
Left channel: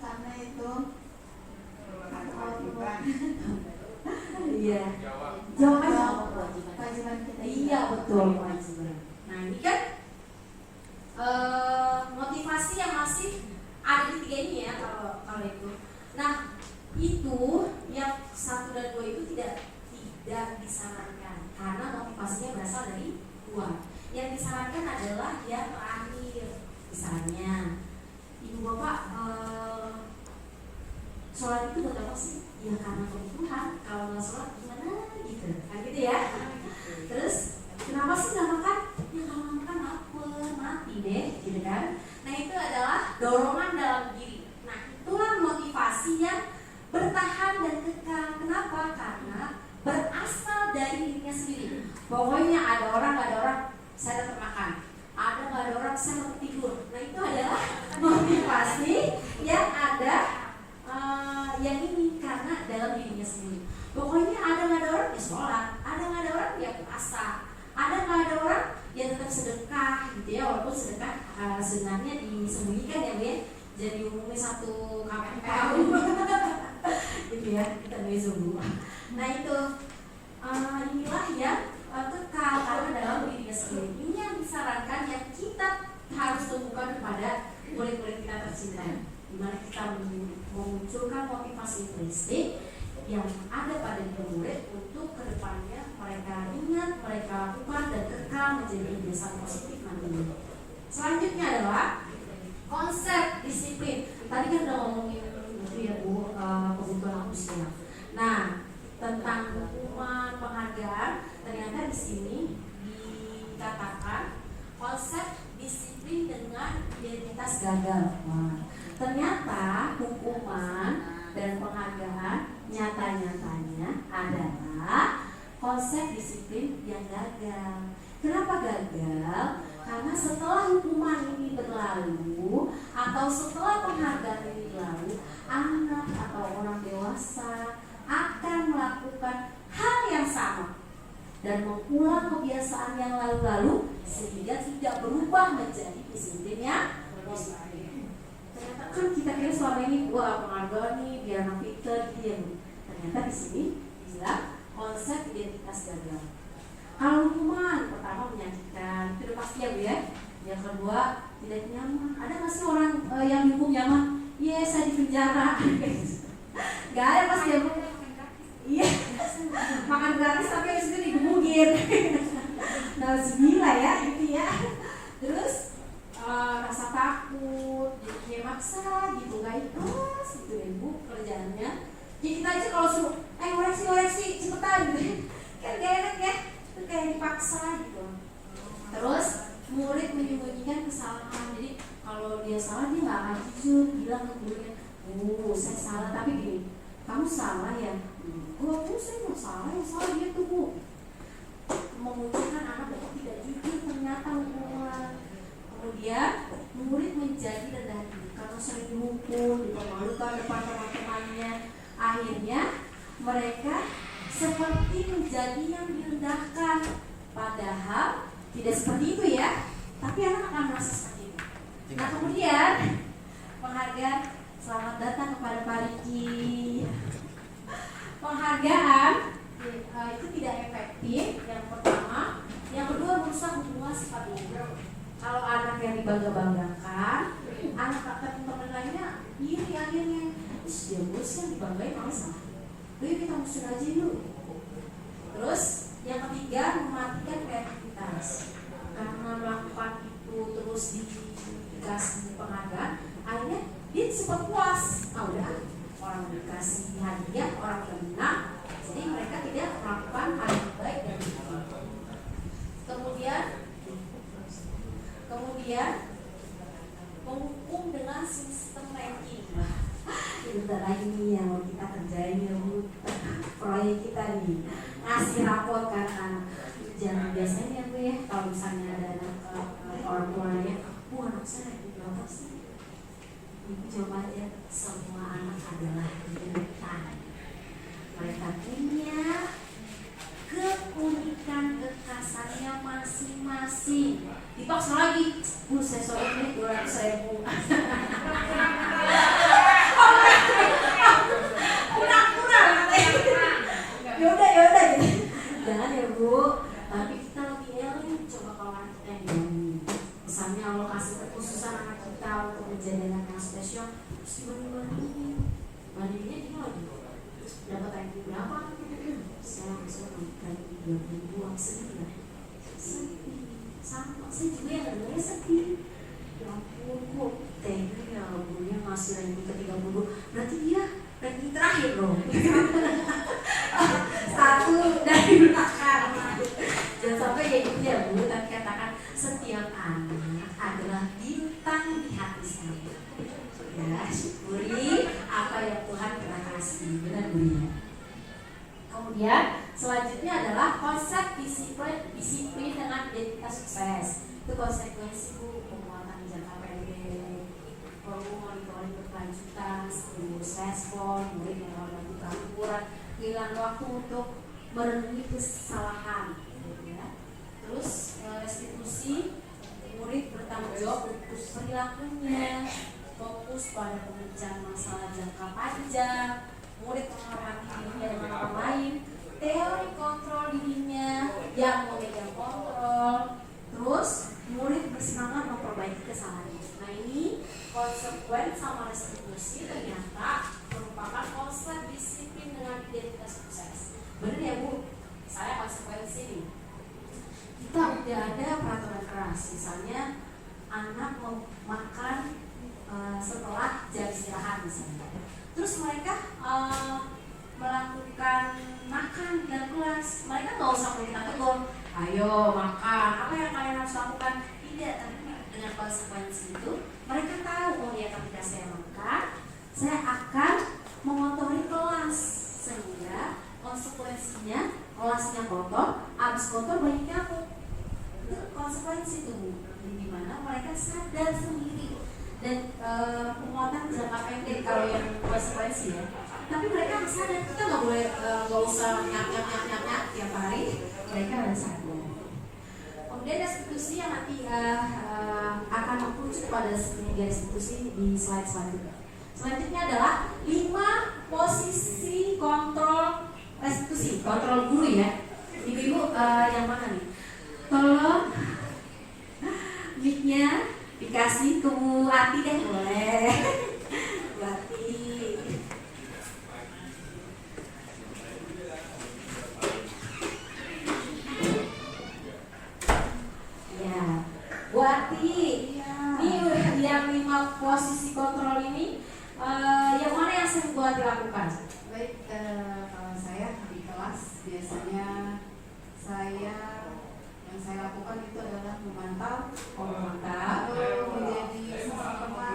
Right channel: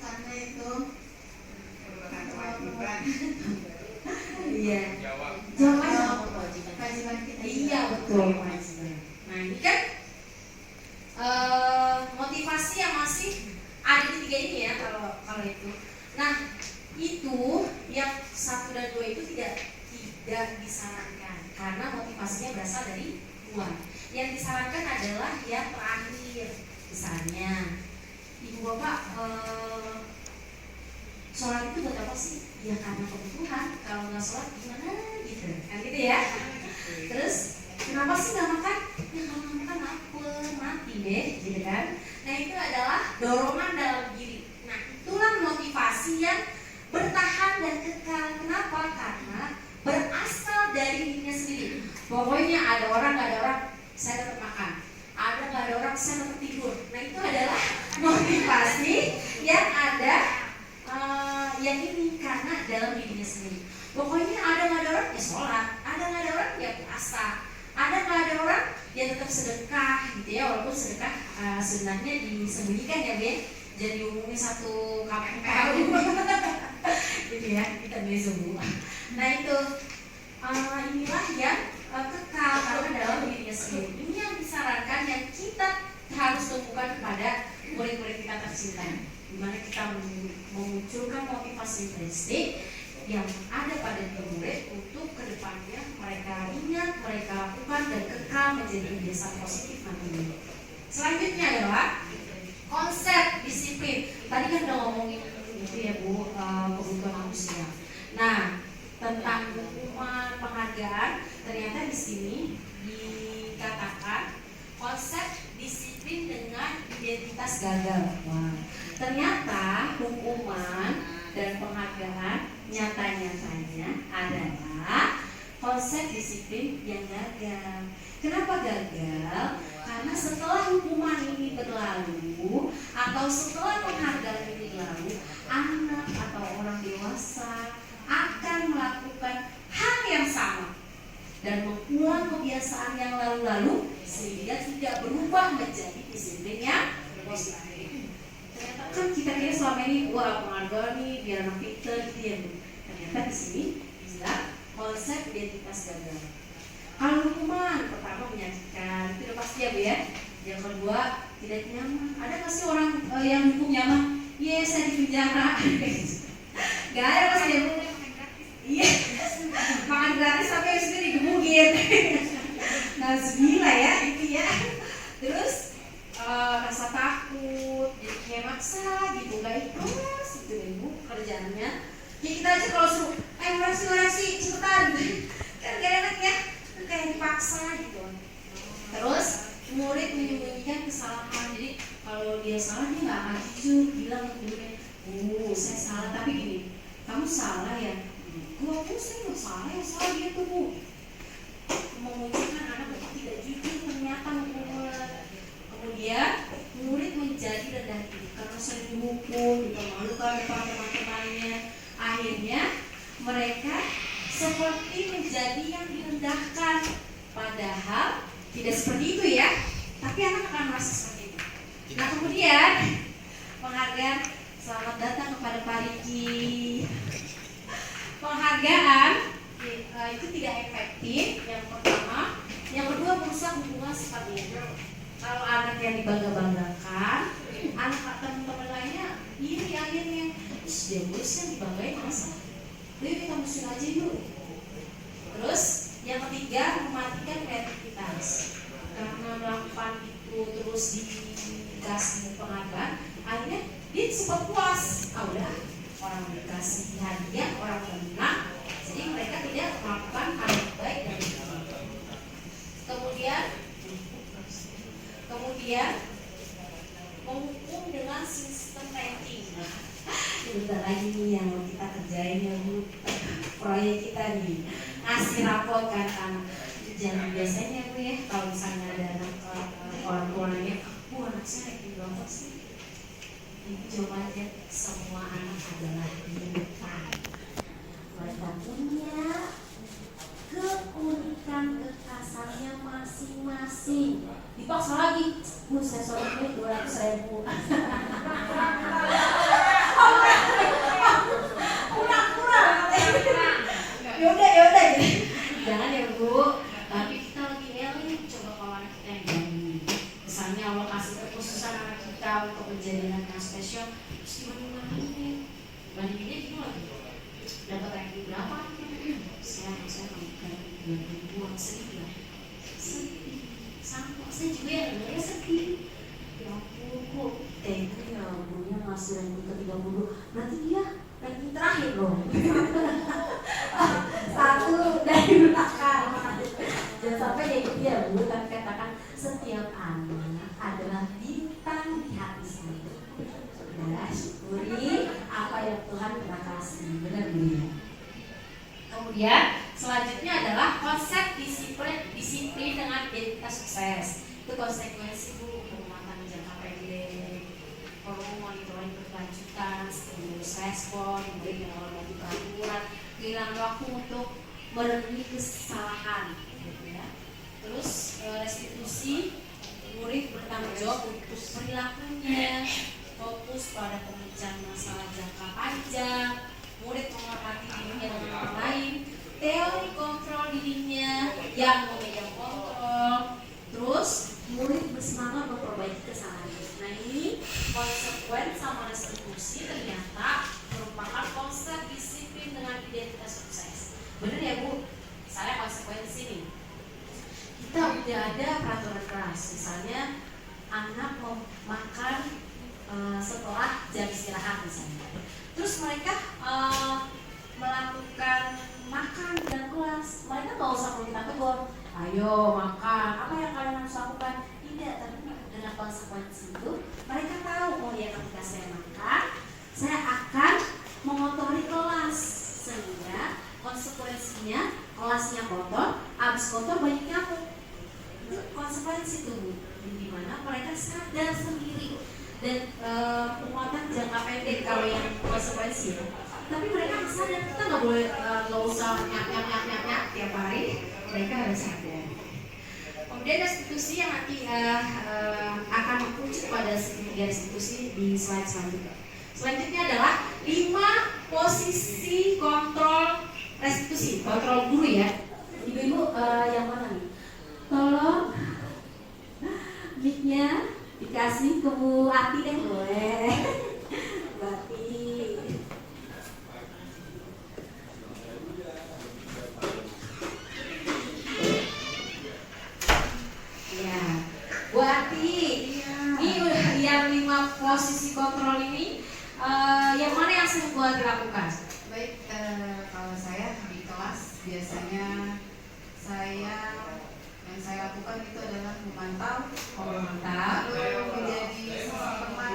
Karena itu iya. Jawab kewajiban kita. Iya betul kewajiban. Nah ini kan motivasi yang masih ada di tiga ini ya kalau itu. Nah itu yang 1 dan 2 itu tidak disarankan karena motivasinya berasal dari luar. Yang disarankan adalah yang terakhir. Misalnya ibu bapak sholat itu buat apa sih? Ya karena kebutuhan. Kalau nggak sholat gimana gitu, kan gitu ya. Terus kenapa sih nggak makan? Ya kalau nggak makan lapar, mati deh, gitu kan. Nah itu adalah dorongan dalam diri. Nah itulah motivasi yang bertahan dan kekal. Kenapa? Karena berasal dari dirinya sendiri. Pokoknya ada orang nggak ada orang, saya dapat makan. Ada nggak ada orang, saya dapat tidur. Nah itu adalah motivasi yang ada yang ini karena dalam dirinya sendiri. Pokoknya ada nggak ada orang ya sholat, ada nggak ada orang ya puasa, ada nggak ada orang ya tetap sedekah gitu ya, walaupun sedekah sebenarnya disembunyikan ya Bu, jadi diumumnya satu KPKU gitu ya, kita beli semua. Nah itu inilah yang kekal karena dalam dirinya sendiri. Ini yang disarankan yang kita harus lakukan kepada murid-murid kita tercinta, dimana kita memunculkan motivasi intrinsik yang ada pada murid untuk kedepannya mereka ingat, mereka lakukan dan kekal menjadi kebiasaan positif nantinya. Selanjutnya adalah konsep disiplin. Tadi kan udah ngomongin itu ya Bu, kebutuhan manusia. Nah tentang hukuman penghargaan, ternyata di sini dikatakan konsep disiplin dengan identitas gagal. Ternyata hukuman dan penghargaan nyata-nyatanya adalah konsep disiplin yang gagal. Kenapa gagal? Karena setelah hukuman ini berlalu atau setelah penghargaan ini berlalu, anak atau orang dewasa akan melakukan hal yang sama dan mengulang kebiasaan yang lalu-lalu sehingga tidak berubah menjadi disiplin yang positif. Ternyata kan kita kira selama ini penghargaan nih biar anak pintar gitu ya. Ternyata di sini bilang konsep identitas gagal. Kalau hukuman pertama menyakitkan, itu udah pasti ya Bu ya. Yang kedua tidak nyaman. Ada nggak sih orang yang hukum nyaman? Iya saya di penjara. Jadi kita aja kalau suruh, ngoreksi cepetan gitu. Kan gak enak ya, itu kayak dipaksa gitu. Terus murid menyembunyikan kesalahan. Jadi kalau dia salah dia nggak akan jujur bilang ke gurunya, oh saya salah, tapi gini, kamu salah ya. Kalau saya nggak salah ya, salah dia tuh Bu. Memunculkan anak untuk tidak jujur ternyata hubungan. Kemudian murid menjadi rendah diri karena sering dihukum, dipermalukan depan teman-temannya. Akhirnya mereka seperti menjadi yang direndahkan. Padahal tidak seperti itu ya. Tapi anak akan merasa seperti itu. Nah kemudian penghargaan, selamat datang kepada Pak Riki. Penghargaan itu tidak efektif. Yang pertama, yang kedua merusak hubungan seperti itu. Kalau anak yang dibangga-banggakan, anak teman-teman lainnya iri akhirnya. Dia bos yang dibanggain masa. Udah kita musuhin aja yuk. Terus yang ketiga mematikan kreativitas. Karena melakukan itu terus dikasih penghargaan, akhirnya dia sempat puas. Udah orang dikasih hadiah, orang menang, jadi mereka tidak melakukan hal yang baik dan kemudian menghukum dengan sistem ranking. Bentar lagi nih yang mau kita kerjain ya Bu, proyek kita nih ngasih rapot kan anak. Jangan biasanya Bu ya, kalau misalnya ada anak orang tuanya, Bu anak saya ranking berapa sih? Ibu jawab aja, semua anak adalah bintang. Mereka punya keunikan kekhasannya masing-masing. Dipaksa lagi, Bu saya sorotnya 200.000. Kurang. Yaudah. Jangan ya Bu. Tapi kita lagi eling, coba kalau anak kita yang gini. Misalnya Allah kasih kekhususan anak kita untuk menjadi anak yang spesial, terus dibanding-bandingin. Bandinginnya gini lagi. Dapat ranking berapa? Saya ranking 30.000, sedih lah. Sedih. Sama, saya juga yang dengarnya sedih. Ya ampun, kok tega ya Bunya ngasih ranking ke 30. Berarti dia ranking terakhir loh. Satu dari belakang. Jangan sampai ya gitu ya Bu, tapi katakan setiap anak adalah bintang di hati saya. Ya, syukuri apa yang Tuhan telah kasih. Benar Bu ya. Kemudian selanjutnya adalah konsep disiplin dengan identitas sukses. Itu konsekuensi Bu, penguatan jangka pendek, perlu monitoring berkelanjutan, stimulus respon, murid yang berbagi peraturan, kehilangan waktu untuk merenungi kesalahan, gitu ya. Terus restitusi, murid bertanggung jawab untuk perilakunya, fokus pada pemecahan masalah jangka panjang, murid menghormati dirinya dengan orang lain, teori kontrol dirinya yang memegang kontrol, terus murid bersemangat memperbaiki kesalahan. Nah ini konsekuen sama restitusi ternyata merupakan konsep disiplin dengan identitas sukses. Bener ya Bu? Saya konsekuensi nih. Kita udah ada peraturan keras, misalnya anak mau makan setelah jam istirahat misalnya. Terus mereka melakukan makan dan kelas, mereka nggak usah kita tegur, ayo makan, apa yang kalian harus lakukan? Tidak, tapi dengan konsekuensi itu mereka tahu, oh ya ketika saya makan, saya akan mengotori kelas, sehingga konsekuensinya kelasnya kotor, habis kotor banyak nyamuk. Itu konsekuensi tuh, dimana mereka sadar sendiri. Dan penguatan jangka pendek kalau yang konsekuensi ya. Tapi mereka harus sadar, kita nggak boleh nggak usah nyak tiap hari. Mereka harus sadar. Kemudian restitusi yang nanti akan mengerucut pada tiga restitusi di slide selanjutnya. Selanjutnya adalah 5 posisi kontrol restitusi, kontrol guru ya. Ibu-ibu yang mana nih? Tolong mic-nya dikasih ke Bu Ati deh, boleh. Bu Ati. Ya, Bu Ati. Ini yang 5 posisi kontrol ini, yang mana yang sering Bu Ati lakukan? Baik mantap. Menjadi teman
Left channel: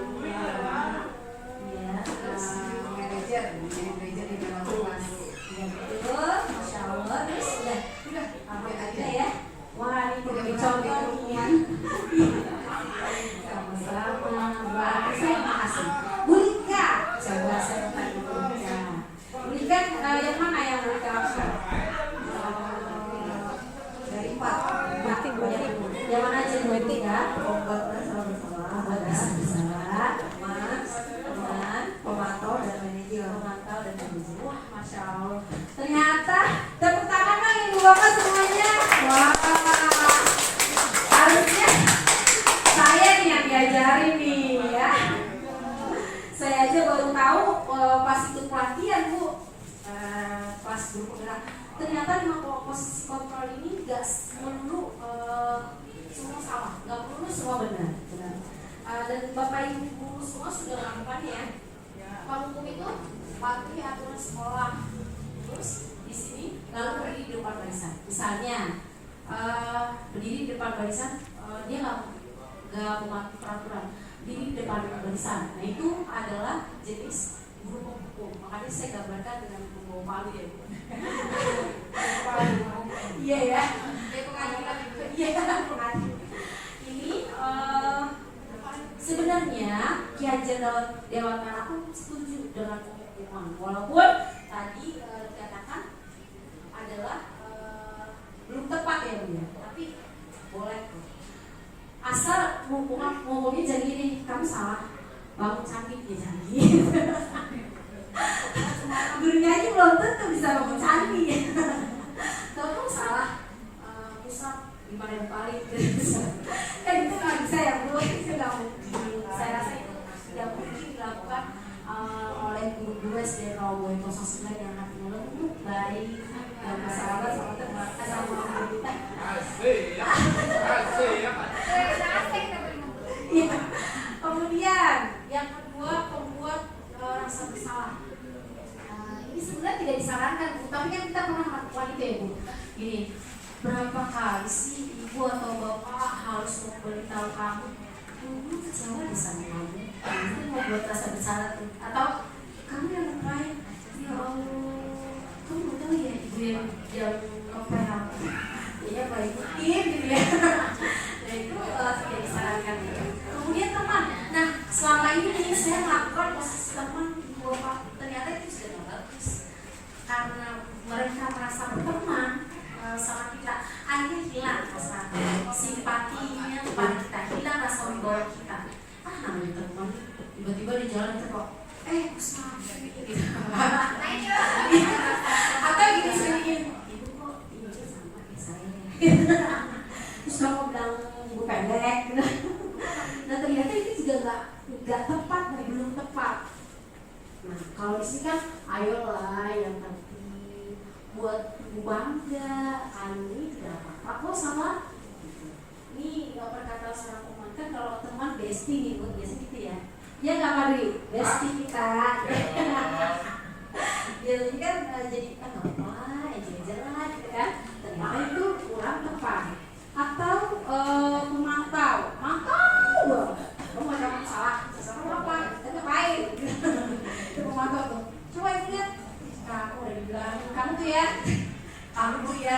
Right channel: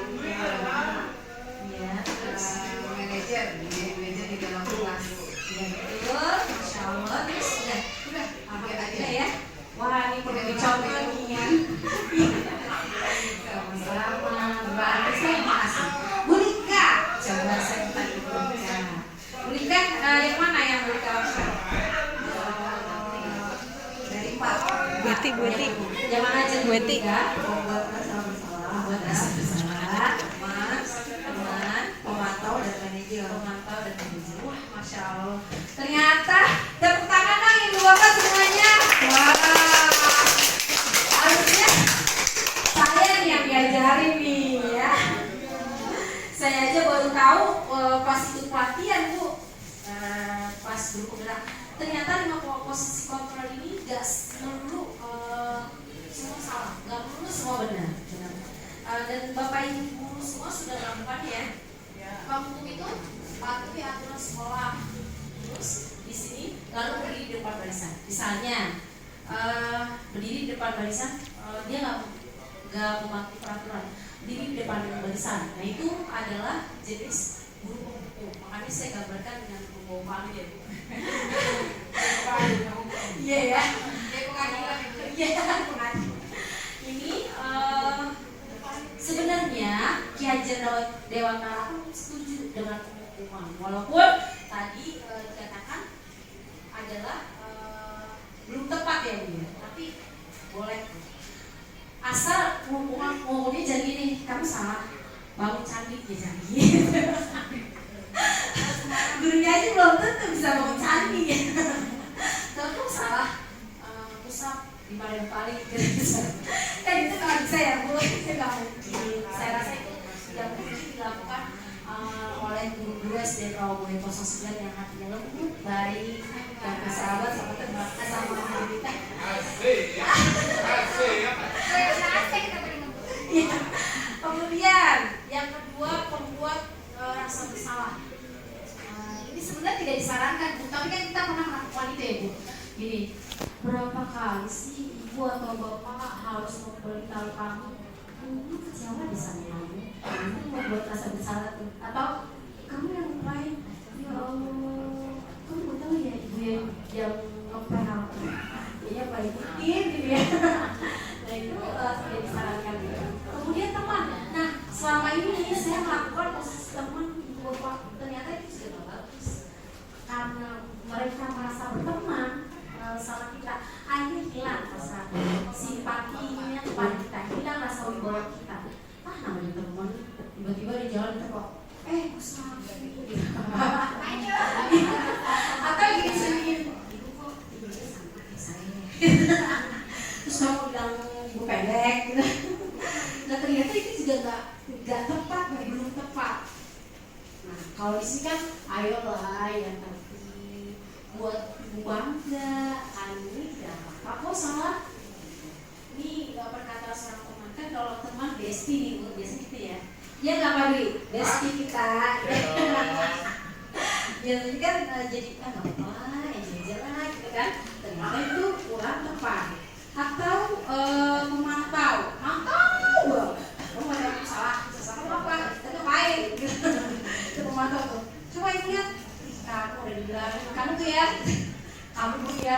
Ya, manajer di dalam kelas. ya betul, Masya Allah. Terus udah, ada ya. Wah, ini perlu dicontoh nih ya. Sama-sama, berarti saya makasih. Bu Lika, coba saya tanya Bu Lika. Bu Lika, yang mana yang Bu Lika lakukan? Dari 4. Buati. Yang mana aja Bu Buati. Lika? Buat rasa bersalah, buat rasa bersalah. Teman, pemantau dan manajer. Wah, Masya Allah. Ternyata tepuk tangan dong ibu bapak semuanya. Wah, harusnya saya nih yang diajarin nih ya. Saya aja baru tahu pas ikut pelatihan Bu, pas guru penggerak. Ternyata 5 posisi kontrol ini gak perlu semua salah, gak perlu semua benar. Dan bapak ibu semua sudah melakukan ya. Kamu itu patuhi aturan sekolah. Terus di sini lalu berdiri di depan barisan. Misalnya berdiri di depan barisan, dia nggak mematuhi peraturan. Berdiri di depan barisan. Nah itu adalah jenis guru pemukul. Makanya saya gambarkan dengan pemukul palu ya. Iya ya. Iya. Ini sebenarnya Ki Hajar Dewantara pun setuju dengan penghukuman. Walaupun tadi dikatakan adalah belum tepat ya Bu ya, tapi boleh tuh. Asal ngomongnya jadi gini, kamu salah bangun candi ya candi. Gurunya aja belum tentu bisa bangun candi ya. Kalau kamu salah pusat di mana yang paling gitu. Itu nggak bisa ya Bu, itu nggak mungkin. Saya rasa itu tidak mungkin dilakukan oleh guru-guru SD Rawabuaya 09 yang hatinya lembut, baik, dan bersahabat sama teman, sama guru kita. Iya. Kemudian yang kedua, pembuat rasa bersalah. Ini sebenarnya tidak disarankan Bu, tapi kan kita pernah melakukan itu ya Bu. Gini, berapa kali sih ibu atau bapak harus memberitahu kamu, ibu kecewa di sama kamu mau buat rasa bersalah tuh, atau kamu yang ngapain? Ya Allah, kamu mau tahu ya ibu yang ngepel aku, dia balikin gitu ya. Nah itu tidak disarankan. Kemudian teman, nah selama ini saya melakukan posisi teman ibu bapak, ternyata itu sudah tidak bagus karena mereka merasa berteman sama kita, akhirnya hilang rasa simpatinya kepada kita, hilang rasa wibawa kita. Namanya teman, tiba-tiba di jalan kita kok, Gusman, gitu. Atau gini sendiri, ibu kok tingginya sama kayak saya. Terus kamu bilang ibu pendek, gitu. Nah ternyata itu juga nggak tepat, belum tepat. Nah kalau di sini kan, ayolah yang tertib, buat ibu bangga, ini tidak apa-apa kok sama. Ini nggak perkata seorang teman kan, kalau teman bestie nih Bu, biasanya gitu ya. Ya nggak Pak Dwi, bestie kita. Jadi kan jadi nggak apa-apa, jalan gitu kan. Ternyata itu kurang tepat. Atau memantau, banget. Oh ada salah apa? Kita ngapain? Itu memantau tuh. Coba lihat, kamu udah dibilang, kamu tuh ya. Kamu ya,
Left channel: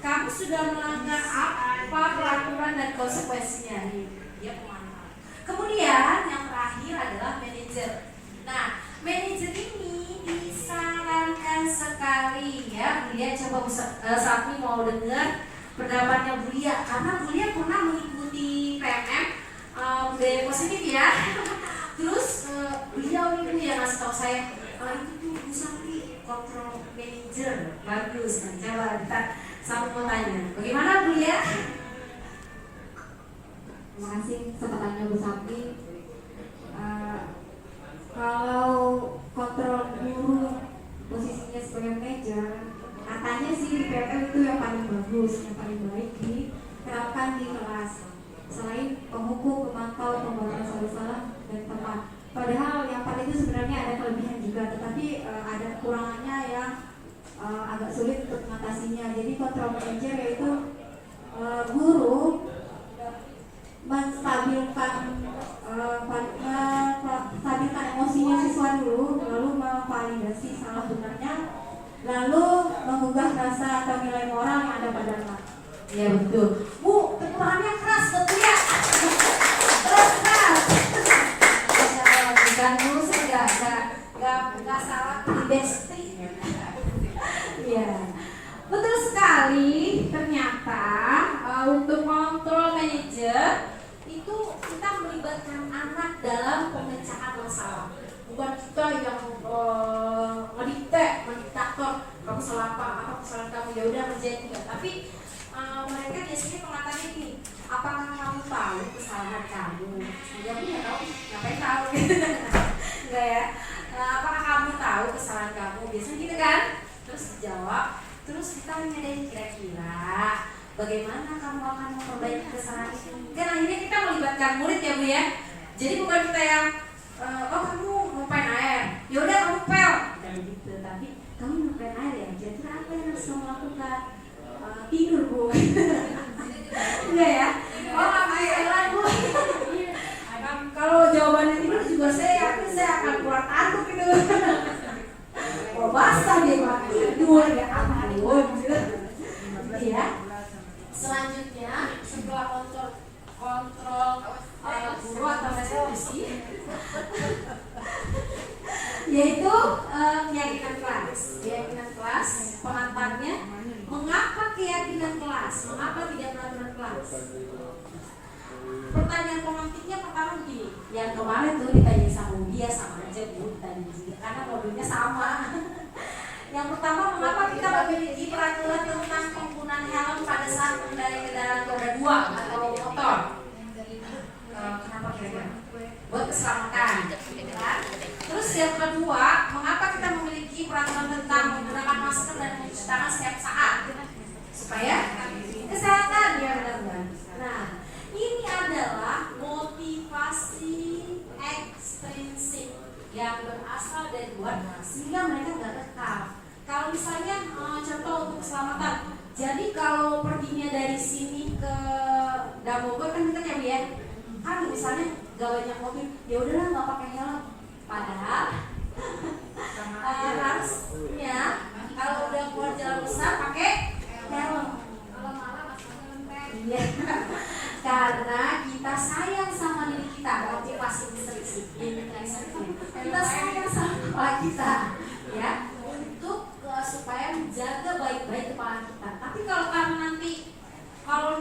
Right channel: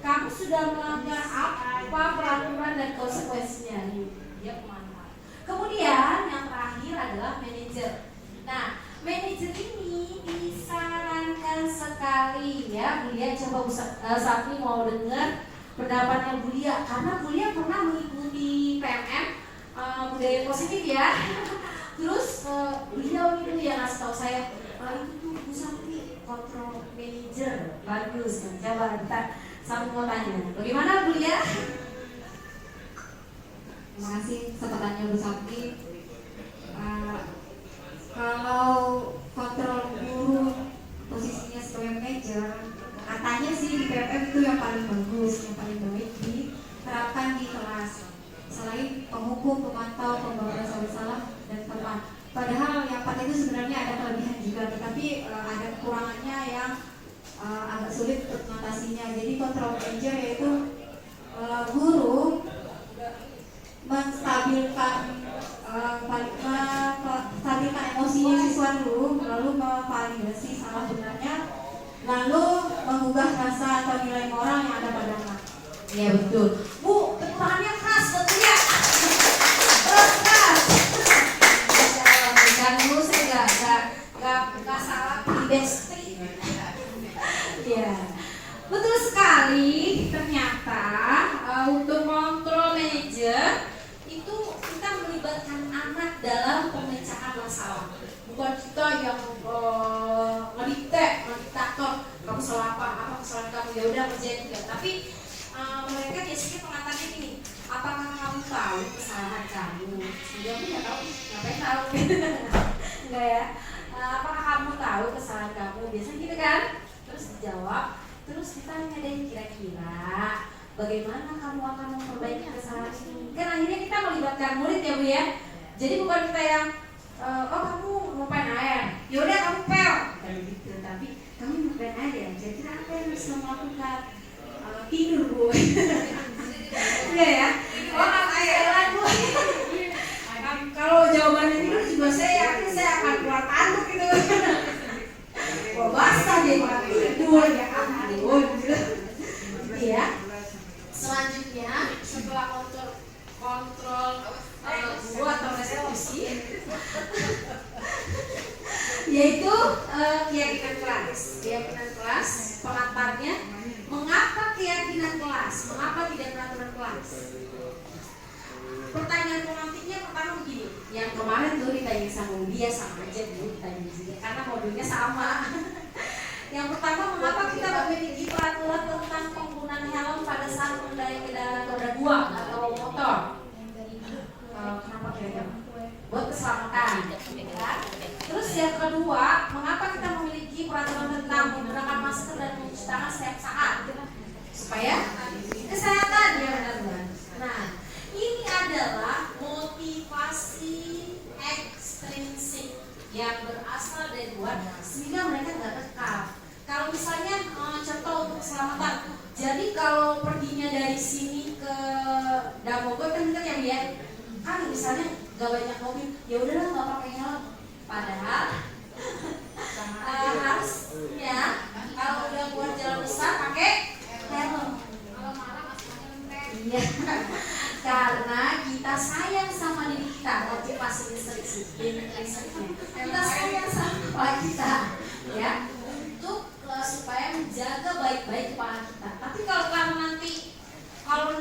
kamu sudah melanggar apa peraturan dan konsekuensinya nih, dia pemantau. Kemudian yang terakhir adalah manajer. Nah, manajer ini disarankan sekali ya, Bulia coba Sapni mau dengar pendapatnya Bulia, karena Bulia pernah mengikuti PMM budaya positif ya. Terus beliau ini yang ngasih tahu saya, itu tuh Bu Sapni kontrol manager bagus kan. Coba kita satu mau tanya, bagaimana Bu ya? Terima kasih kesempatannya Bu Sapni. Kalau kontrol guru posisinya sebagai manajer, katanya sih di PMM itu yang paling bagus, yang paling baik diterapkan di kelas. Selain penghukum, pemantau, pembuat rasa bersalah dan teman. Padahal yang 4 itu sebenarnya ada kelebihan juga, tetapi ada kekurangannya yang agak sulit untuk mengatasinya. Jadi kontrol manager yaitu guru menstabilkan menstabilkan emosinya siswa dulu, lalu memvalidasi salah benarnya, lalu mengubah rasa atau nilai moral yang ada pada anak. Ya betul. Bu, tepuk tangannya keras, betul ya? Keras. Masya Allah, bukan dulu saya nggak salah bestri. Iya, betul sekali. Ternyata untuk kontrol manager itu kita melibatkan anak dalam pemecahan masalah. Bukan kita yang ngediktator, kamu salah apa kesalahan kamu, ya udah kerjain juga. Tapi mereka biasanya pengantarnya gini, apakah kamu tahu kesalahan kamu? Jawabnya nggak tahu, ngapain tahu? Enggak ya? Apakah kamu tahu kesalahan kamu? Biasanya gitu kan? Terus dijawab, terus kita nyadain kira-kira bagaimana kamu akan memperbaiki kesalahan itu. Kan akhirnya kita melibatkan murid ya Bu ya. Jadi bukan kita yang oh kamu ngupain air, yaudah kamu pel, bukan begitu. Tapi kamu ngupain air ya, kira-kira apa yang harus kamu lakukan? Tidur Bu. Iya ya. Oh kamu jalan Bu. Kalau jawabannya tidur juga saya yakin saya akan keluar tanduk gitu. Wah basah dia malah tidur, ya ampun. Iya. Selanjutnya setelah kontrol guru atau resolusi, yaitu keyakinan kelas. Pengantarnya, mengapa keyakinan kelas? Mengapa tidak peraturan kelas? Pertanyaan pemantiknya pertama begini, yang kemarin tuh ditanya sama dia sama aja Bu, ditanya juga karena mobilnya sama. Yang pertama, mengapa kita memiliki peraturan tentang penggunaan helm pada saat mengendarai kendaraan roda 2 atau motor? Kenapa kira-kira? Buat keselamatan, kan? Terus yang kedua, mengapa kita memiliki peraturan tentang menggunakan masker dan mencuci tangan setiap saat? Supaya kesehatan, ya benar-benar. Nah, ini adalah motivasi ekstrinsik yang berasal dari luar sehingga mereka nggak kekal. Kalau misalnya contoh untuk keselamatan, jadi kalau perginya dari sini ke Damogot kan dekat ya dia, kan misalnya nggak banyak mobil, ya udahlah nggak pakai helm. Padahal harusnya kalau udah keluar jalan besar pakai helm. Kalau malam masalahnya lempeng. Iya. Karena kita sayang sama diri kita, motivasi intrinsik. Kita sayang sama kepala kita, ya, untuk supaya menjaga baik-baik kepala kita. Tapi kalau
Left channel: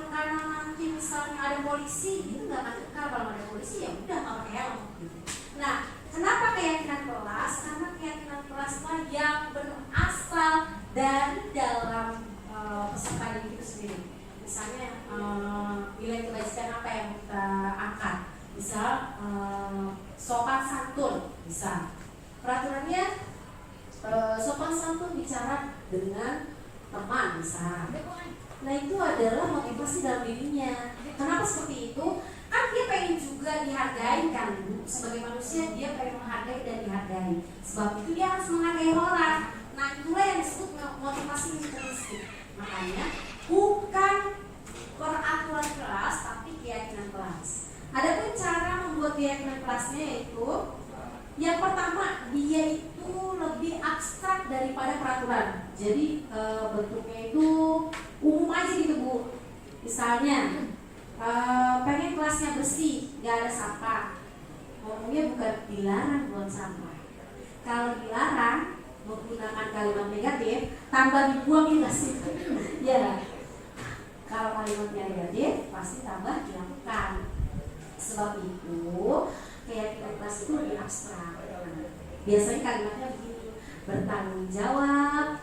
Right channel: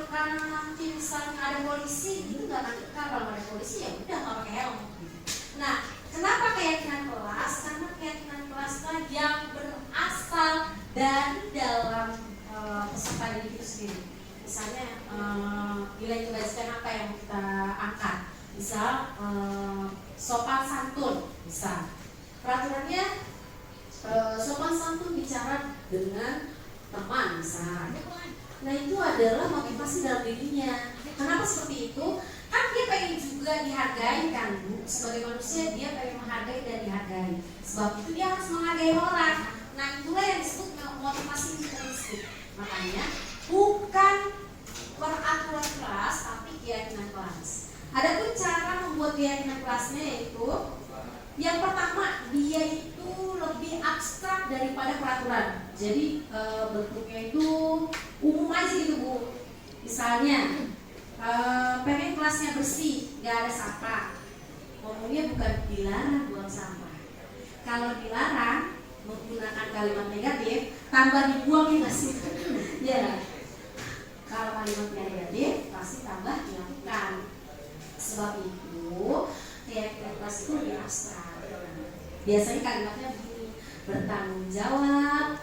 karena nanti misalnya ada polisi, itu nggak akan kekal. Kalau ada polisi ya udah nggak pakai helm. Nah, kenapa keyakinan kelas? Karena keyakinan kelaslah yang berasal dari dalam peserta didik itu sendiri. Misalnya nilai kebajikan apa yang kita angkat, misal sopan santun, misal peraturannya sopan santun bicara dengan teman, misal. Nah itu adalah motivasi dalam dirinya. Kenapa seperti itu? Kan dia pengen juga dihargai kan Bu. Sebagai manusia dia pengen menghargai dan dihargai. Sebab itu dia harus menghargai orang. Nah itulah yang disebut motivasi intrinsik. Makanya bukan peraturan kelas tapi keyakinan kelas. Adapun cara membuat keyakinan kelasnya yaitu yang pertama, dia itu lebih abstrak daripada peraturan. Jadi bentuknya itu umum aja gitu Bu. Misalnya pengen kelasnya bersih, gak ada sampah. Ngomongnya bukan dilarang buang sampah. Kalau dilarang menggunakan kalimat negatif, tambah dibuang ya nggak sih? Ya. Kalau kalimatnya negatif, pasti tambah dilakukan. Sebab itu keyakinan kelas itu lebih abstrak. Biasanya kalimatnya begini, bertanggung jawab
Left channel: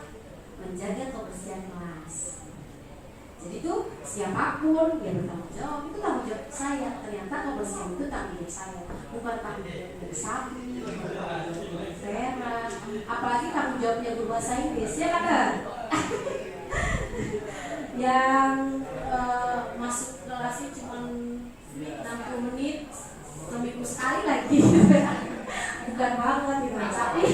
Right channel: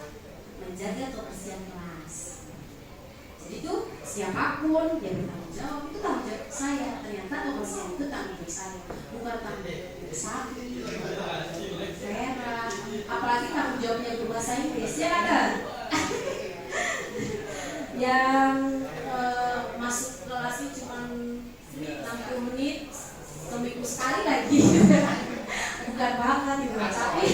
menjaga kebersihan kelas. Jadi itu siapapun yang bertanggung jawab itu tanggung jawab saya. Ternyata kebersihan itu tanggung jawab saya, bukan tanggung jawab Sabi, Vera. Apalagi tanggung jawabnya guru bahasa Inggris ya kan? Yang masuk kelasnya cuma 60 menit seminggu sekali lagi. Bukan banget gitu, tapi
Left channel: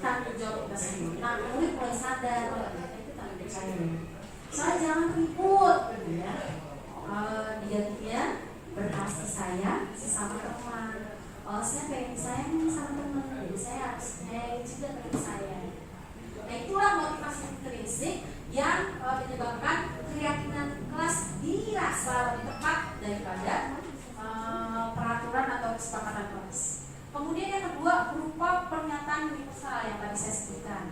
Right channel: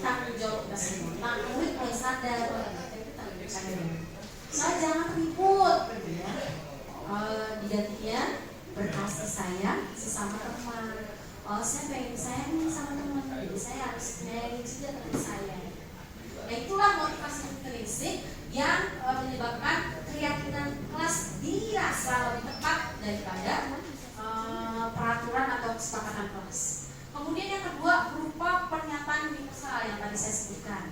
tanggung jawab kita semua. Nah, murid mulai sadar itu tanggung jawab saya. asal jangan ribut gitu ya. Digantinya berkasih sayang sesama teman. Oh, saya pengen disayang nih sama teman, jadi saya harus menyayangi juga teman saya. Nah, itulah motivasi intrinsik yang menyebabkan keyakinan kelas dirasa lebih tepat daripada peraturan atau kesepakatan kelas. Kemudian yang kedua berupa pernyataan universal yang tadi saya sebutkan,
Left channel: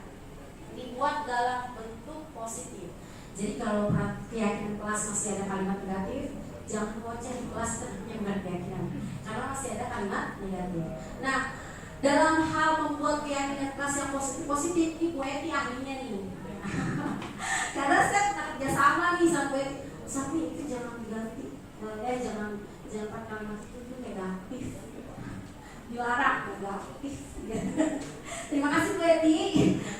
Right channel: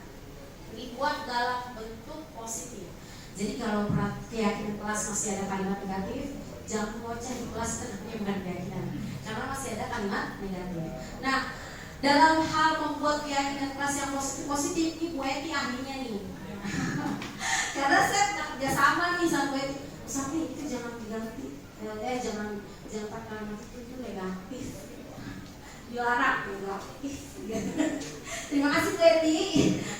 dibuat dalam bentuk positif. Jadi kalau keyakinan kelas masih ada kalimat negatif, jangan membaca di kelas tentunya bukan keyakinan, karena masih ada kalimat negatif. Nah, dalam hal membuat keyakinan kelas yang positif ini Bu Eti ahlinya nih. Karena saya pernah kerjasama nih sama Bu Eti. Sampai itu jangan diganti, jangan pakai kalimat itu negatif, dilarang negatif. Terima kasih Bu Eti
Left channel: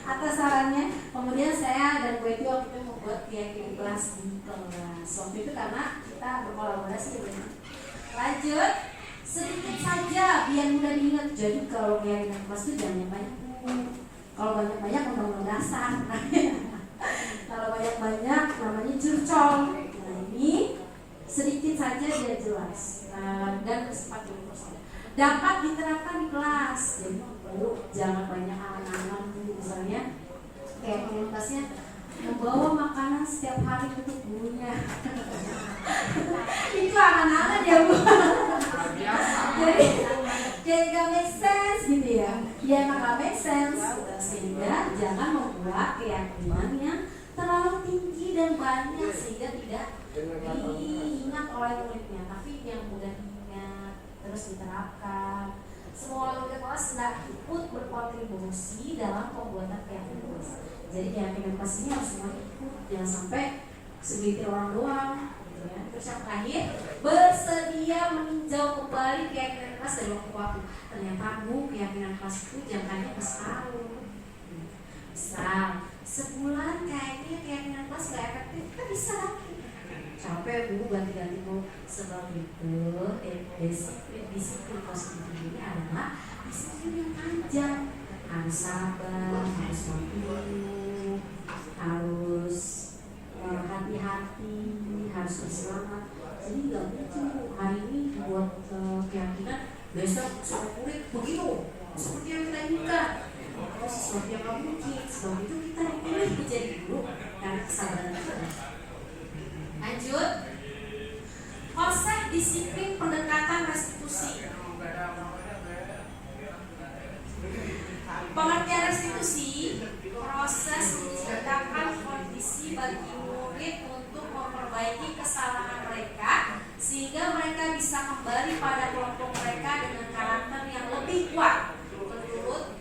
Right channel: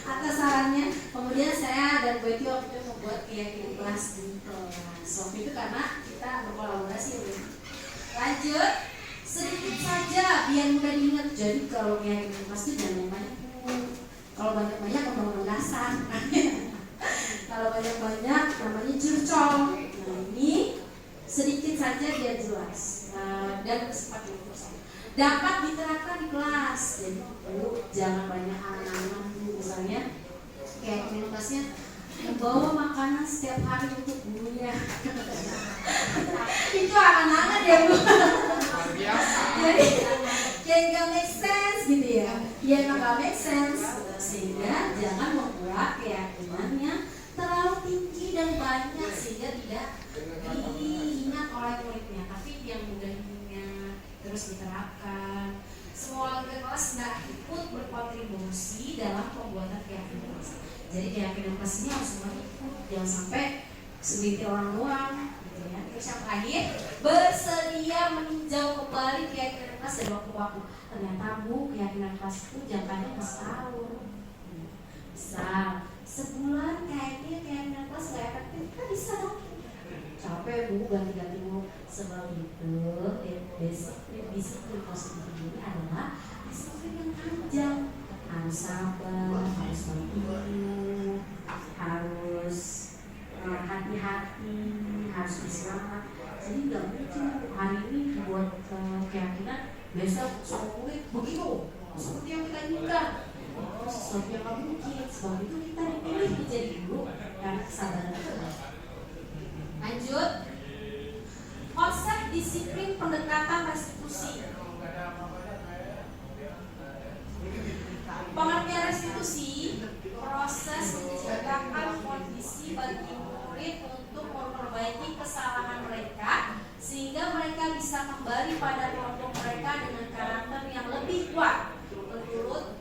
atas sarannya. Kemudian saya dan Bu Eti waktu itu membuat keyakinan kelas di kelas. Waktu itu karena kita berkolaborasi ya Bu Eti. Lanjut, sedikit saja biar mudah diingat. Jadi kalau keyakinan kelas itu jangan banyak. Kalau banyak-banyak undang-undang dasar. Kalau banyak-banyak namanya curcol. Nah, ini sedikit saja biar jelas dan sempat universal. Dapat diterapkan di kelas. Jadi jangan banyak angan-angan, misalnya keyakinan kelasnya membawa makanan setiap hari untuk gurunya. Itu angan-angan ya Bu. Jadi kayak gak make sense gitu ya. Ya gak make sense gitu. Sehingga jangan membuat keyakinannya terlalu tinggi dan banyak sehingga tidak diingat oleh muridnya, tapi yang mudah diingat terus diterapkan. Semua warga kelas hendak ikut berkontribusi dalam pembuatan keyakinan kelas. Jadi keyakinan kelas ini harus semua ikut, jangan sampai segelintir orang doang. Terus yang terakhir, bersedia meninjau kembali keyakinan kelas dari waktu ke waktu. Ternyata Bu, keyakinan kelas itu jangkanya ke setahun. Misal, sebulan kayaknya keyakinan kelas gak efektif, kan bisa dong. Capek Bu, ganti-ganti mau. Sebab itu, disiplin positif ini adalah disiplin yang panjang. Harus sabar, harus mampu, harus hati-hati, harus bersemangat. Jadi nggak mungkin hari ini dibuat keyakinan, besok semua murid begitu seperti yang kita inginkan. Sesuatu yang nggak mungkin. Sebab itu kita dipilih menjadi guru karena kesabaran kita. Lanjut, konsep disiplin pendekatan restitusi. Pengertian restitusi, proses menciptakan kondisi bagi murid untuk memperbaiki kesalahan mereka sehingga mereka bisa kembali pada kelompok mereka dengan karakter yang lebih kuat. Menurut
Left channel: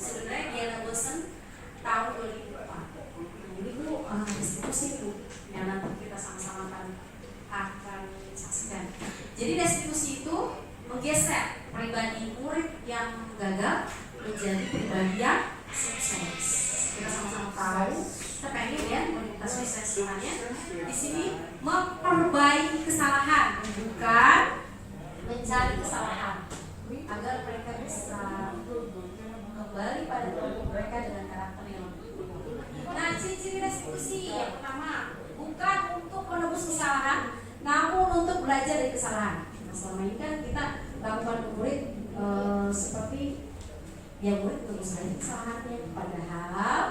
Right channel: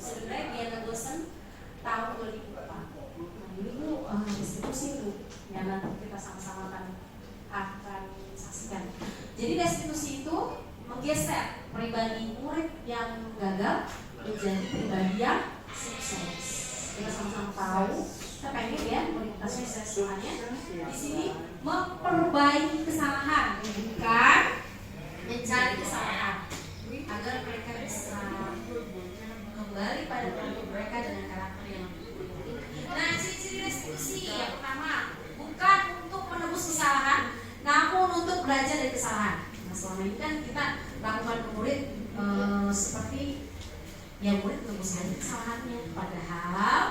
sebenarnya Diana Gosen tahun 2004. Nah ini Bu, restitusi Bu, yang nanti kita sama-sama akan saksikan. Jadi restitusi itu menggeser pribadi murid yang gagal menjadi pribadi yang sukses. Kita sama-sama tahu, kita pengen ya kualitas suksesnya di sini memperbaiki kesalahan, bukan mencari kesalahan, agar mereka bisa kembali pada kelompok mereka dengan karakter yang lebih. Nah, ciri-ciri restitusi yang pertama, bukan untuk menebus kesalahan, namun untuk belajar dari kesalahan. Nah, selama ini kan kita lakukan ke murid seperti yang murid menebus dari kesalahannya, padahal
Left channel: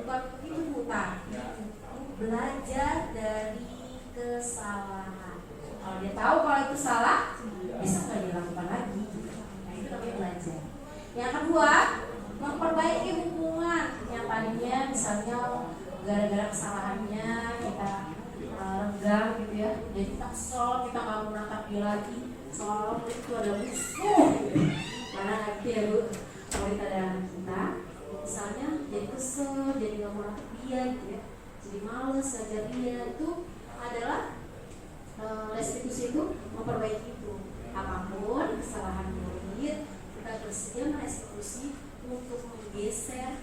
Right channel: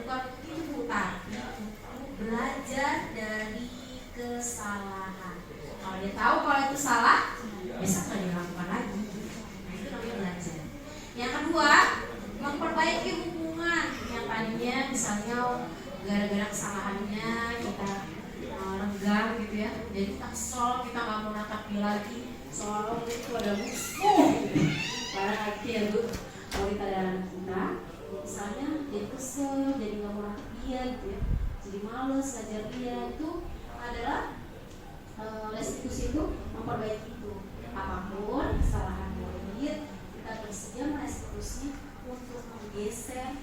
bukan itu Bu, tapi belajar dari kesalahan. Kalau dia tahu kalau itu salah, besok nggak dilakukan lagi. Nah itu namanya belajar. Yang kedua, memperbaiki hubungan yang tadinya misalnya gara-gara kesalahannya kita renggang gitu ya, jadi kita kesel, kita nggak mau nangkap dia lagi, seolah-olah itu adalah musuh. Karena kayak gitu ya Bu, kalau kita ada anak kita, misalnya jadi kesel, jadi nggak mau nangkap dia gitu ya, jadi males ngajar dia, itu adalah restitusi itu memperbaiki itu. Apapun kesalahan murid, kita bersedia merestitusi untuk menggeser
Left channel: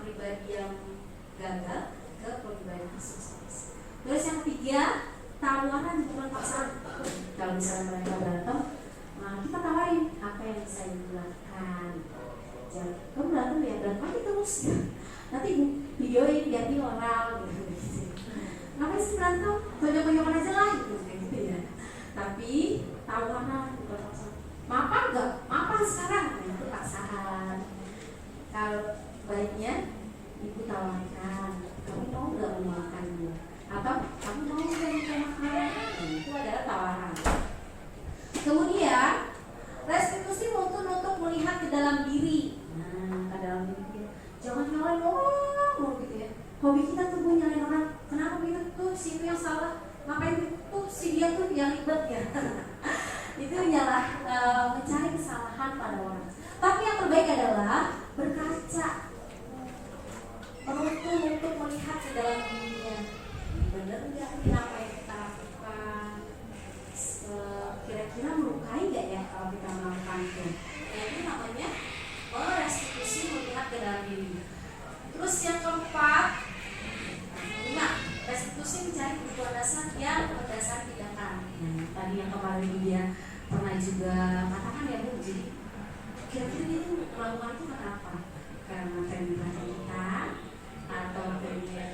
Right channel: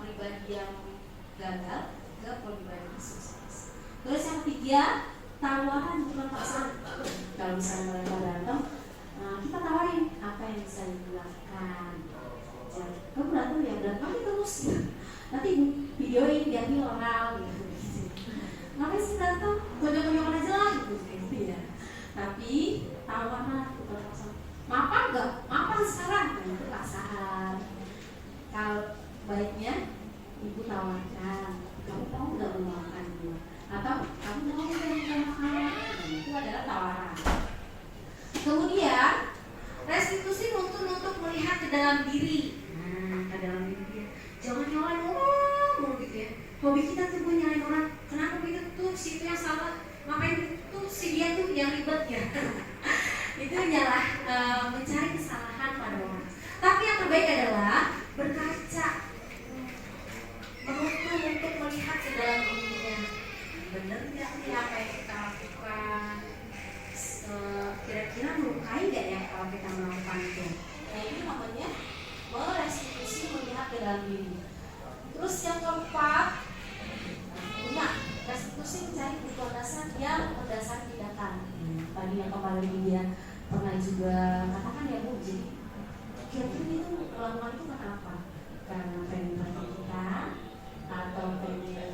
pribadi yang gagal ke pribadi sukses. Terus yang ketiga, tawaran bukan paksaan. Kalau misalnya mereka berantem, kita tawarin apa yang bisa dilakukan. Jangan kamu berantem ya, berantem terus ya. Nanti videoin biar viral gitu. ngapain sih berantem, tonjok-tonjokan aja lah gitu, kayak gitu ya. Tapi tawaran bukan paksaan, mapan nggak, mapan sekarang, nah, itu paksaan. Kalau baiknya ibu tawarkan, kamu mau nggak memakan dia, atau kamu mau nggak minta makan, nah, itu adalah tawaran. Kemudian restitusi untuk melihat ke dalam diri. Nah, ke dalam diri dia. Jangan nyalain orang gitu ya. Hobi kita tuh gue nyalain orang. Kenapa begitu tuh si itu yang salah? Ngapain tuh si dia tuh yang ribet ya? Itu mencari kesalahan pada orang. Tapi yang terbaik adalah berkaca, untuk melihat ke dalam dirinya. Benar nggak sih apa yang kita lakukan? Kira-kira melukai nggak ya kalau kita melakukan itu? Nah, ini namanya restitusi, melihat ke dalam diri. Terus yang keempat, restitusi mencari kebutuhan dasar yang berdasar tindakan. Tadi yang kemarin dia pernah juga katakan ya Bu, jadi kira-kira itu melakukan itu kenapa? Karena pengen diperhatikan kita, atau pengen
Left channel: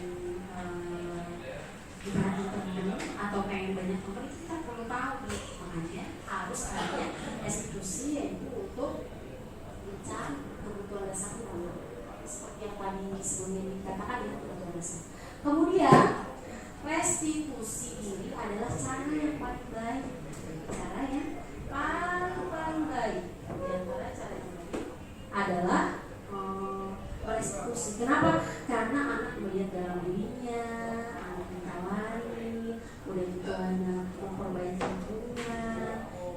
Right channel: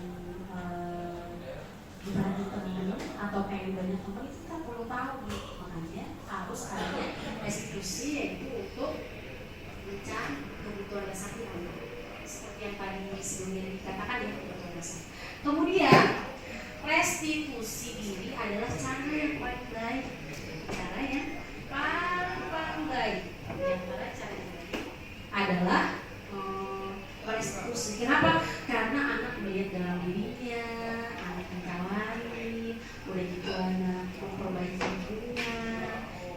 diperhatikan teman, atau pengen banyak teman, itu kita perlu tahu nih. Makanya harus ada restitusi, yaitu untuk mencari kebutuhan dasar kita, seperti yang tadi sebelumnya dikatakan ya, kebutuhan dasar. Kemudian restitusi diri adalah cara yang paling baik, cara yang paling baik. Di antara cara yang baik adalah restitusi. Kenapa? Karena anak melihat dalam dirinya, anak ditawari, udah gitu anak memperbaiki dirinya,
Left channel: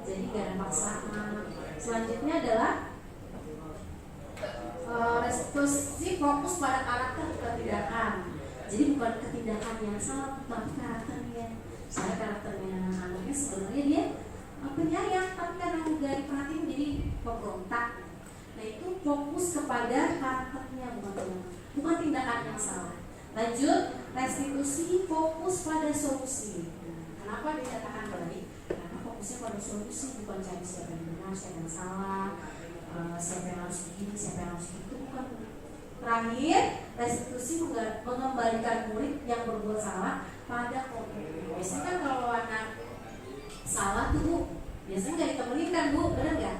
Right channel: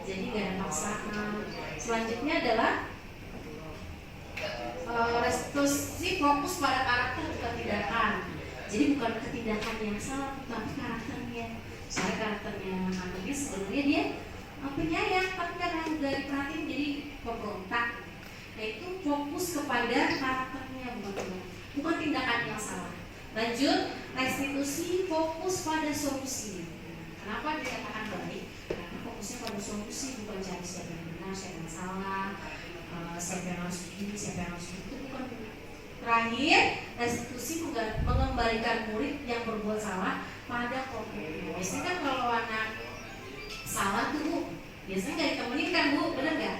jadi gak ada paksaan. Selanjutnya adalah restitusi fokus pada karakter bukan tindakan. Jadi bukan ketindakan yang salah, tapi karakternya. Misalnya karakternya anaknya sebenarnya dia penyayang, tapi karena udah diperhatiin jadi pemberontak. Nah, itu fokus kepada karakternya, bukan tindakan yang salah. Lanjut, restitusi fokus pada solusi. Kenapa dikatakan baik? Karena fokusnya pada solusi, bukan cari siapa yang benar, siapa yang salah, siapa yang harus begini, siapa yang harus begitu, bukan. Terakhir, restitusi mengembalikan murid yang berbuat salah pada pokoknya. Biasanya kan kalau anak salah tuh biasanya nggak ditemenin kan Bu, benar nggak?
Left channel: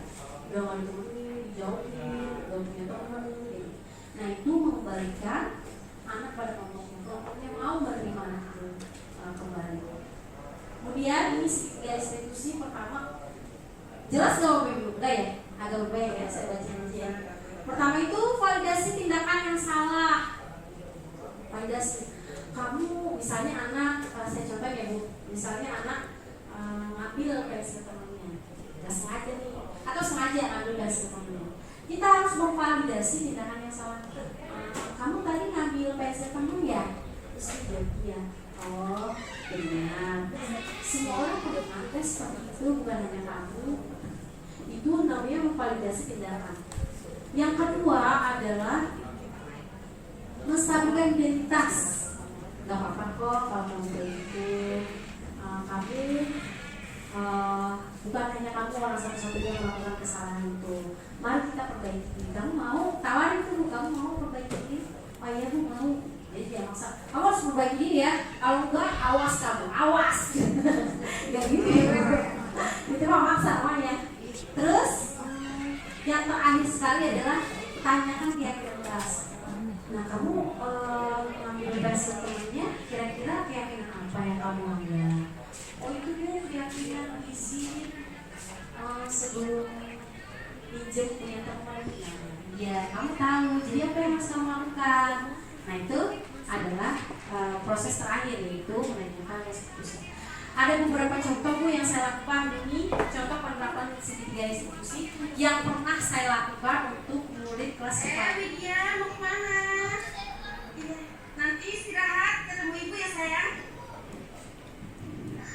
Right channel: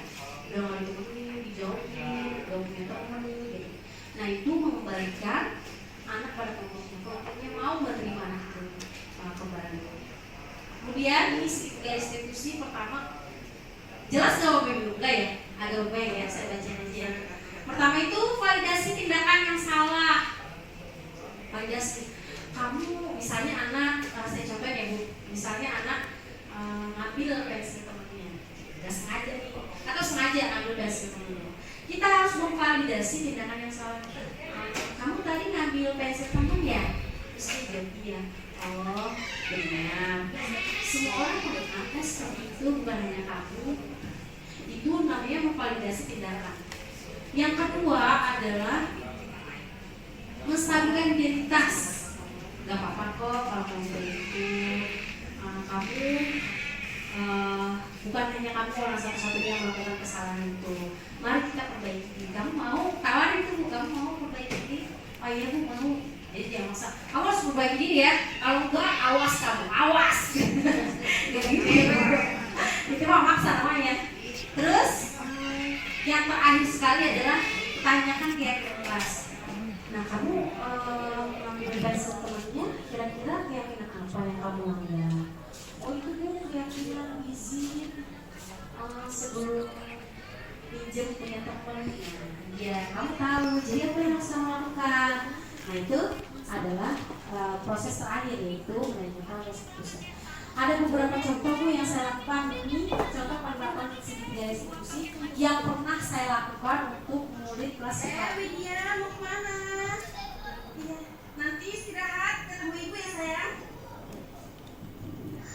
Udah nggak ditemenin, dijauhin, udah punya teman gitu. Nah, itu mengembalikan anak pada pokoknya. Pokoknya mau menerima anak itu kembali. Kemudian di restitusi pertama, jelas jawabnya dulu, enggak ya? Agak berbeda ya, saya bacain aja. Pertama itu validasi tindakan yang salah. Validasi. Kamu misalnya anak, saya contohin ya Bu, misalnya anak ngambil pensil temannya, nggak sengaja nih, atau sengaja ngambil pensil temannya. Kita harus memvalidasi tindakan yang salah. Kamu tadi ngambil pensil teman ya? Terus dijawab iya. Oh benar. Semua orang pernah seperti itu, bukan hanya kamu. Itu namanya memvalidasi tindakan. Yang kedua adalah menstabilkan identitas. Gak apa-apa kok kalau kamu begitu. Kamu bukan hanya kamu orang satu-satunya yang melakukan kesalahan itu. Mari kita perbaiki. Kamu mau tawarin itu, kamu mau perbaiki? Oh iya Bu, mau. Jadi jangan maksa. Kamu harus perbaiki diri ya. Kalau enggak, awas kamu, awas. Gak gitu ya. Itu mah maksa namanya. Terus yang terakhir sekali adalah tanyakan keyakinan kelas. Nah, kamu mengambil pensil temannya, kira-kira keyakinan apa yang kamu ambil? Oh itu Bu, keyakinan izin sebelum pinjam punya teman. Ya, kamu tahu. Jadi apa yang harus kamu lakukan? Nah, itu adalah proses terakhir, yaitu menanyakan restitusi. Ada beberapa contoh Bu yang saya lakukan. Ini contoh penerapan segitiga restitusi yang pernah saya lakukan untuk murid kelas 4. Widya, mau kemana? Iya, nanti istirahat, ketemu ibu ya sayang.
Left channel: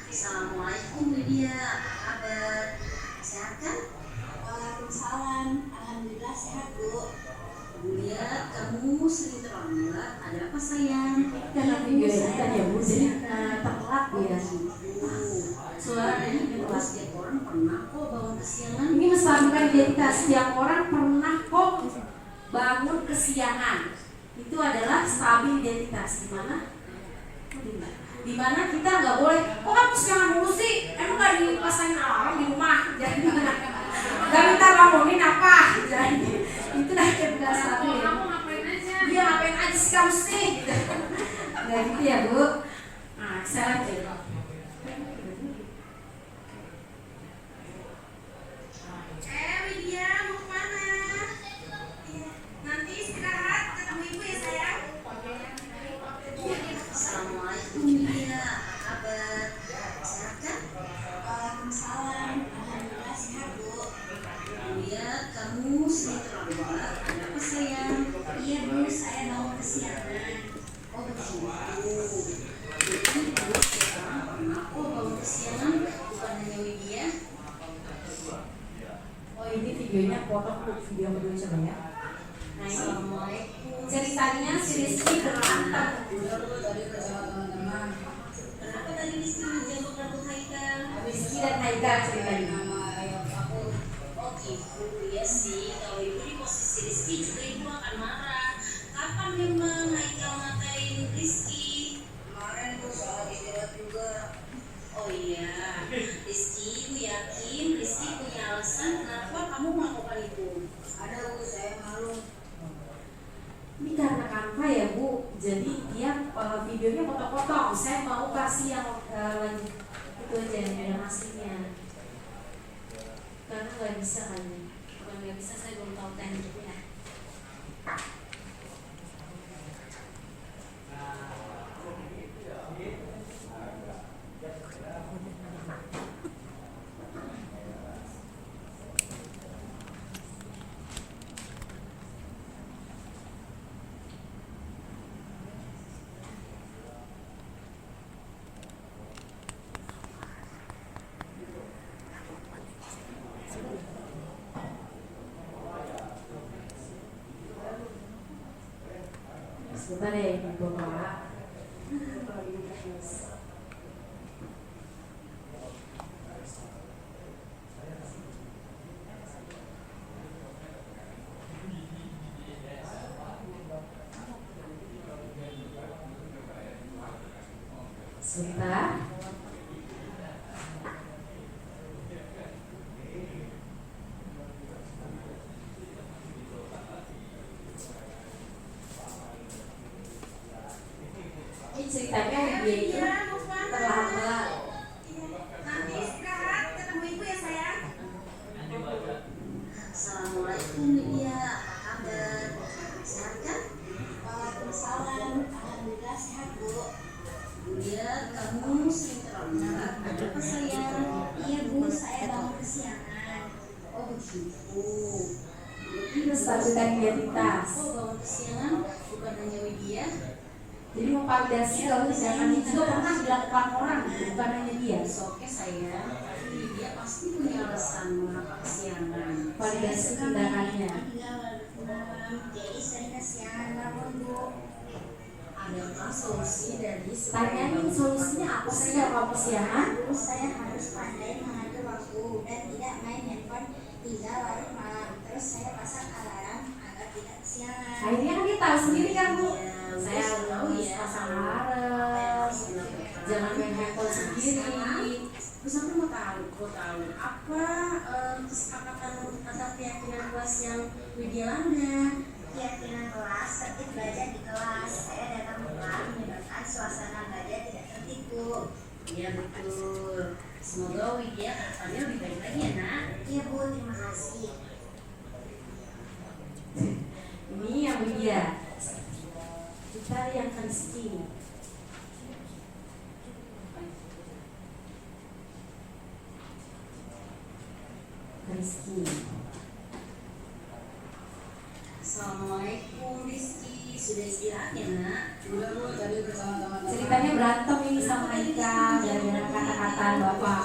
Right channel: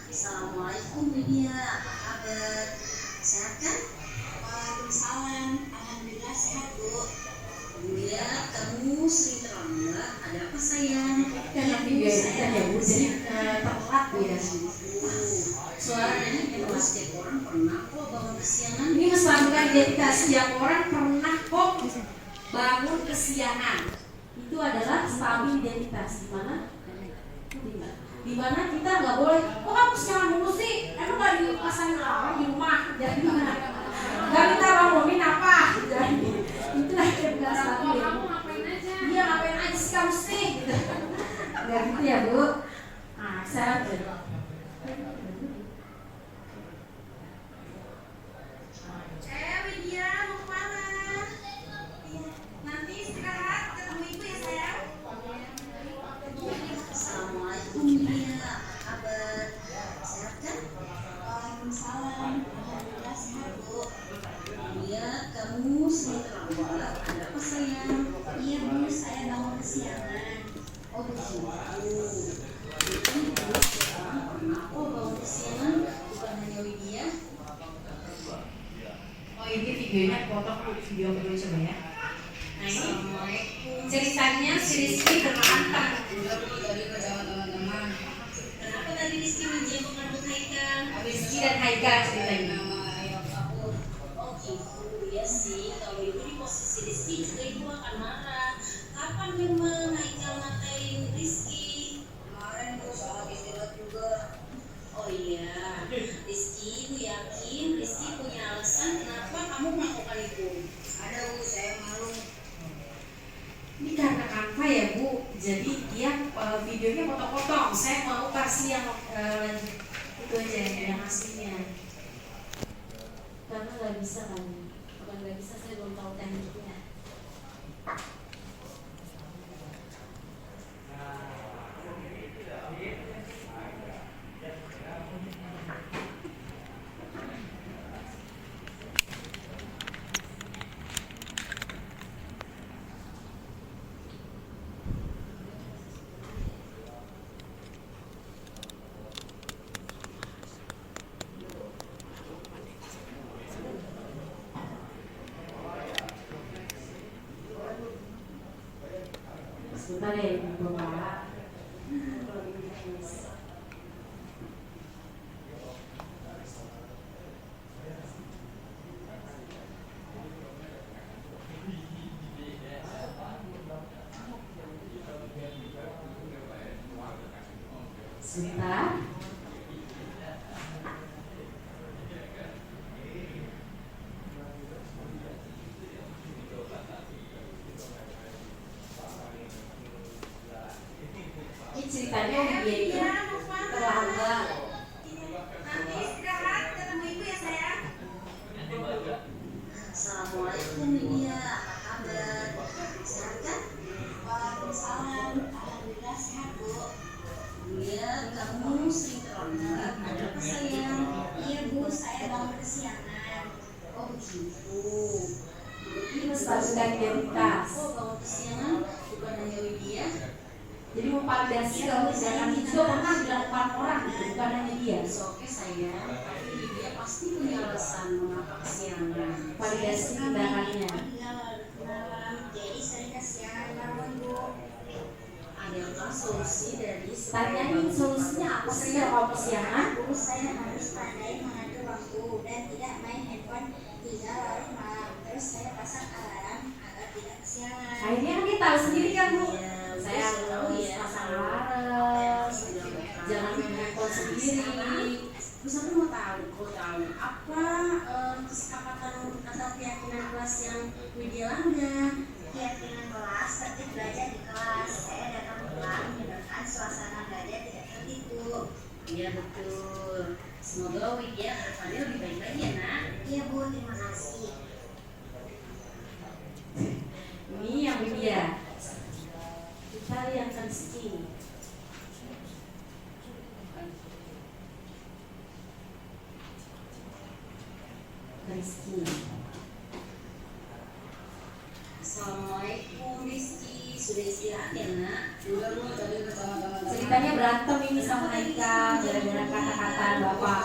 Assalamualaikum Lydia, apa kabar? Sehat kan? Waalaikumsalam, alhamdulillah sehat Bu. Lihat kamu sering terlambat, ada apa sayang? Karena kebiasaan ya Bu, jadi telat ya. Soalnya memang setiap orang pernah kok bangun kesiangan. Ini menstabilkan identitas, setiap orang pernah kok bangun kesiangan. Itu adalah stabil identitas, di mana? Dimana kita nggak boleh, kok kamu sekarang mulu sih, emang nggak dipasangin alarm di rumah, jadi nggak minta bangunin apa, jadi itu lah kebiasaan ya. Dia ngapain aja sih kamu sih, gitu. Nggak gitu ya Bu. Nah, saya lanjut. Widya mau kemana? Iya, nanti istirahat ketemu ibu ya sayang. Assalamualaikum Widya, apa kabar? Sehat kan? Waalaikumsalam, alhamdulillah sehat Bu. Widya, kamu sering terlambat, ada apa sayang? Iya Bu, saya bangun kesiangan. Oh begitu. Jadi Bu, aku bangun kesiangan bukan hanya Widya. Oh ini videonya potong video kedua coba ya. Nah ini ceritanya si Rizky bermantan. Kenapa tadi Rizky menjemput rambut Haikal? Rizky dan Haikal ceritanya. Oh gitu, ya sih. Kalau ibu di posisi Rizky juga ibu akan marah. Kapan memang Haikal ngatain Rizky? Kemarin Bu soal istirahat juga. Oh iya, Rizky, ibu yakin Rizky punya alasan kenapa kamu melakukan itu? Ada Bu, saya malu. Ini karena Canva ya Bu, jadi dia videonya potong-potong. Saya mau versi yang itu aja yang aslinya. Karena nggak bisa kan? Bukan nggak bisa, saya belum tahu tekniknya. Sebentar ya Ibu Mbak. Kalau ini teknis. Sebentar. Ini ceritanya dia itu terlambat. Nanti istirahat ketemu ibu ya sayang. Assalamualaikum Widya, apa kabar? Sehat kan? Waalaikumsalam, alhamdulillah sehat Bu. Widya, kamu sering terlambat, ada apa sayang? Iya Bu, saya bangun kesiangan. Oh begitu. Ini status dan identitas. Oh bangun kesiangan bukan hanya Widya. Jadi memvalidasi kalau misalkan itu juga pernah dilakukan orang, bukan hanya dia. Oke sayang, tapi Widya pasti punya alasan mengapa kesiangan. Validasi tindakannya. Jadi sering kesiangan bangun Bu. Ada yang tahu solusi dari Tanyain solusinya apa sih ya kalau kesiangan? Bu, saya harus pandai mengatur waktu dan tidak main handphone hingga larut malam. Terus saya pasang alarm agar tidak kesiangan. Akhirnya kan dia tahu sendiri kan Bu. Iya, Saya harus pasang alarm, jangan main handphone sendiri. Terus aku mau tahu apa kesepakatan atau keyakinan kelas yang Widya langgar. Keyakinan kelas tertib belajar di kelas. Saya datang pulang menyebabkan suasana belajar tidak tertipu. Iya betul. Semoga Widya kedepannya lebih baik lagi ya nak. Iya Bu, terima kasih. Ini yang Widya. Kita yang Rizky. Rizky. Assalamualaikum Rizky, sudah istirahat ya nak? Ceritanya berantem ini sama Haika gara-gara kata-kata bapak.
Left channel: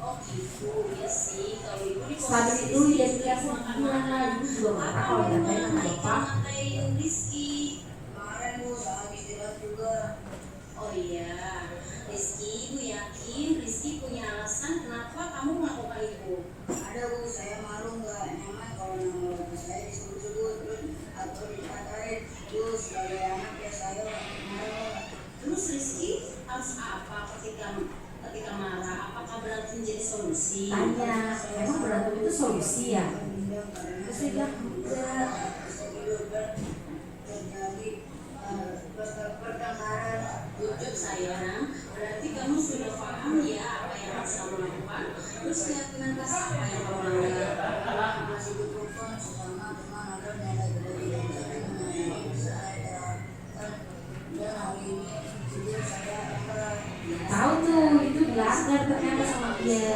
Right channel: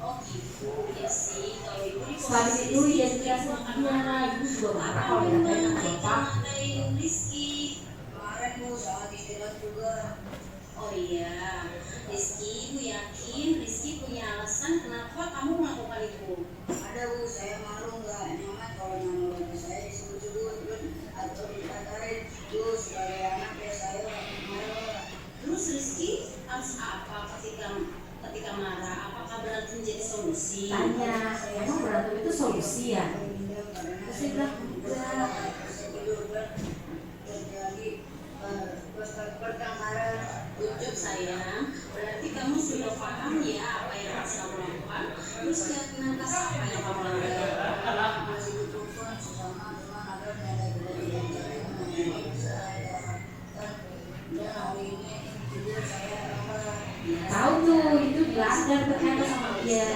Oh gitu, ya sih. Kalau ibu di Setelah itu dia dikasih ibu juga marah kalau ditanyain sama bapak. Rizky. Kemarin Bu saat istirahat juga. Oh iya, Rizky, ibu yakin Rizky punya alasan kenapa kamu melakukan itu? Ada Bu, saya malu nggak nyaman kalau nama bapak saya disebut-sebut terus atau dikatain. Terus sebagai anak ya saya marah solusi ya. Terus dia bilang enggak. Pertengkaran ujuk sayang, berarti kamu sudah paham ya apa yang harus kamu lakukan. Terus keyakinan atas apa yang kamu langgar. Masih berhubungan sesama teman agar nilai kebaikan saya. Dan hari ini jujur saya Tahu tuh itu dilanggar ternyata sama dia.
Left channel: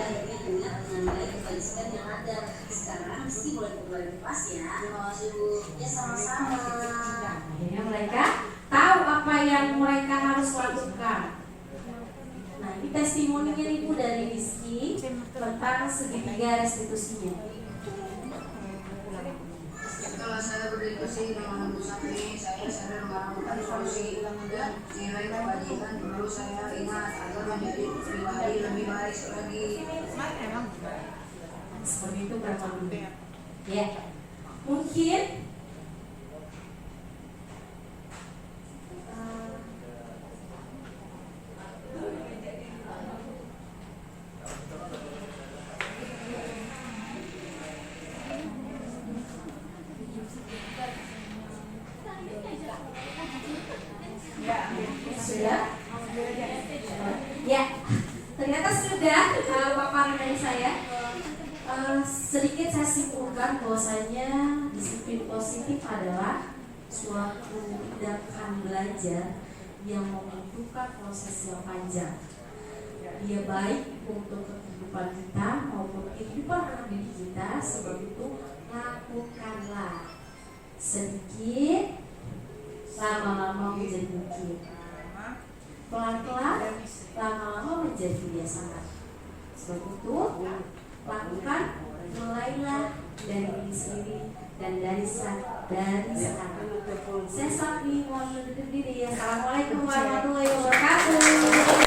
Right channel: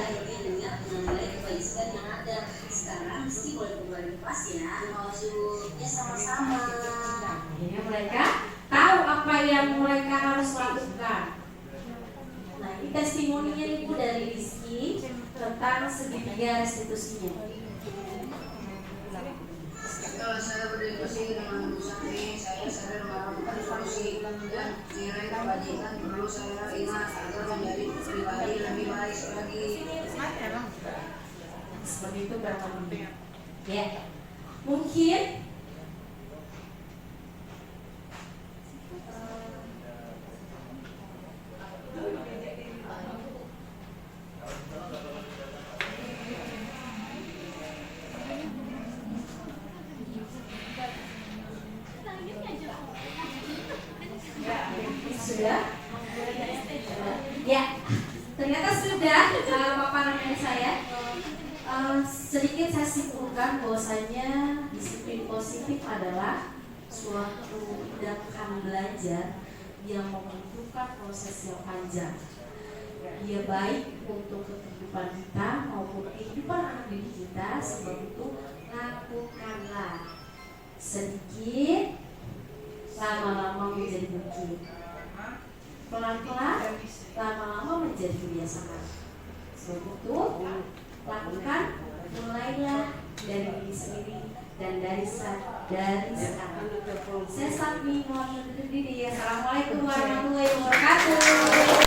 dengan nilai kebaikan yang ada. Sekarang mesti boleh kembali kelas ya. Terima kasih Bu. Ya sama-sama. Akhirnya mereka tahu apa yang mereka harus lakukan. Nah, ini testimoninya nih Bu dari Rizky tentang segitiga restitusinya. Setelah saya berdiskusi dengan Bu Sapni, saya sadar menemukan solusi dan nilai kebajikan perlu saya ingat agar menjadi pribadi lebih baik lagi. Seperti itu berapa menit? Ya, mungkin sudah? Ya, ternyata sudah paparan dari saya. Sedikit saya simpulkan bahwasanya disiplin positif adalah suatu tindakan belajar yang membutuhkan proses yang panjang. Dia baik untuk kehidupan kita maupun kehidupan anak didik kita. Sebab itu lakukanlah sedikit, lama-lama menjadi bukit, pelan-pelan, lama-lama menjadi kebiasaan. Sebab itu lakukan, mulailah dari diri sendiri dan dari sekarang. Saya Sapni, mohon undur diri. Assalamualaikum warahmatullahi wabarakatuh.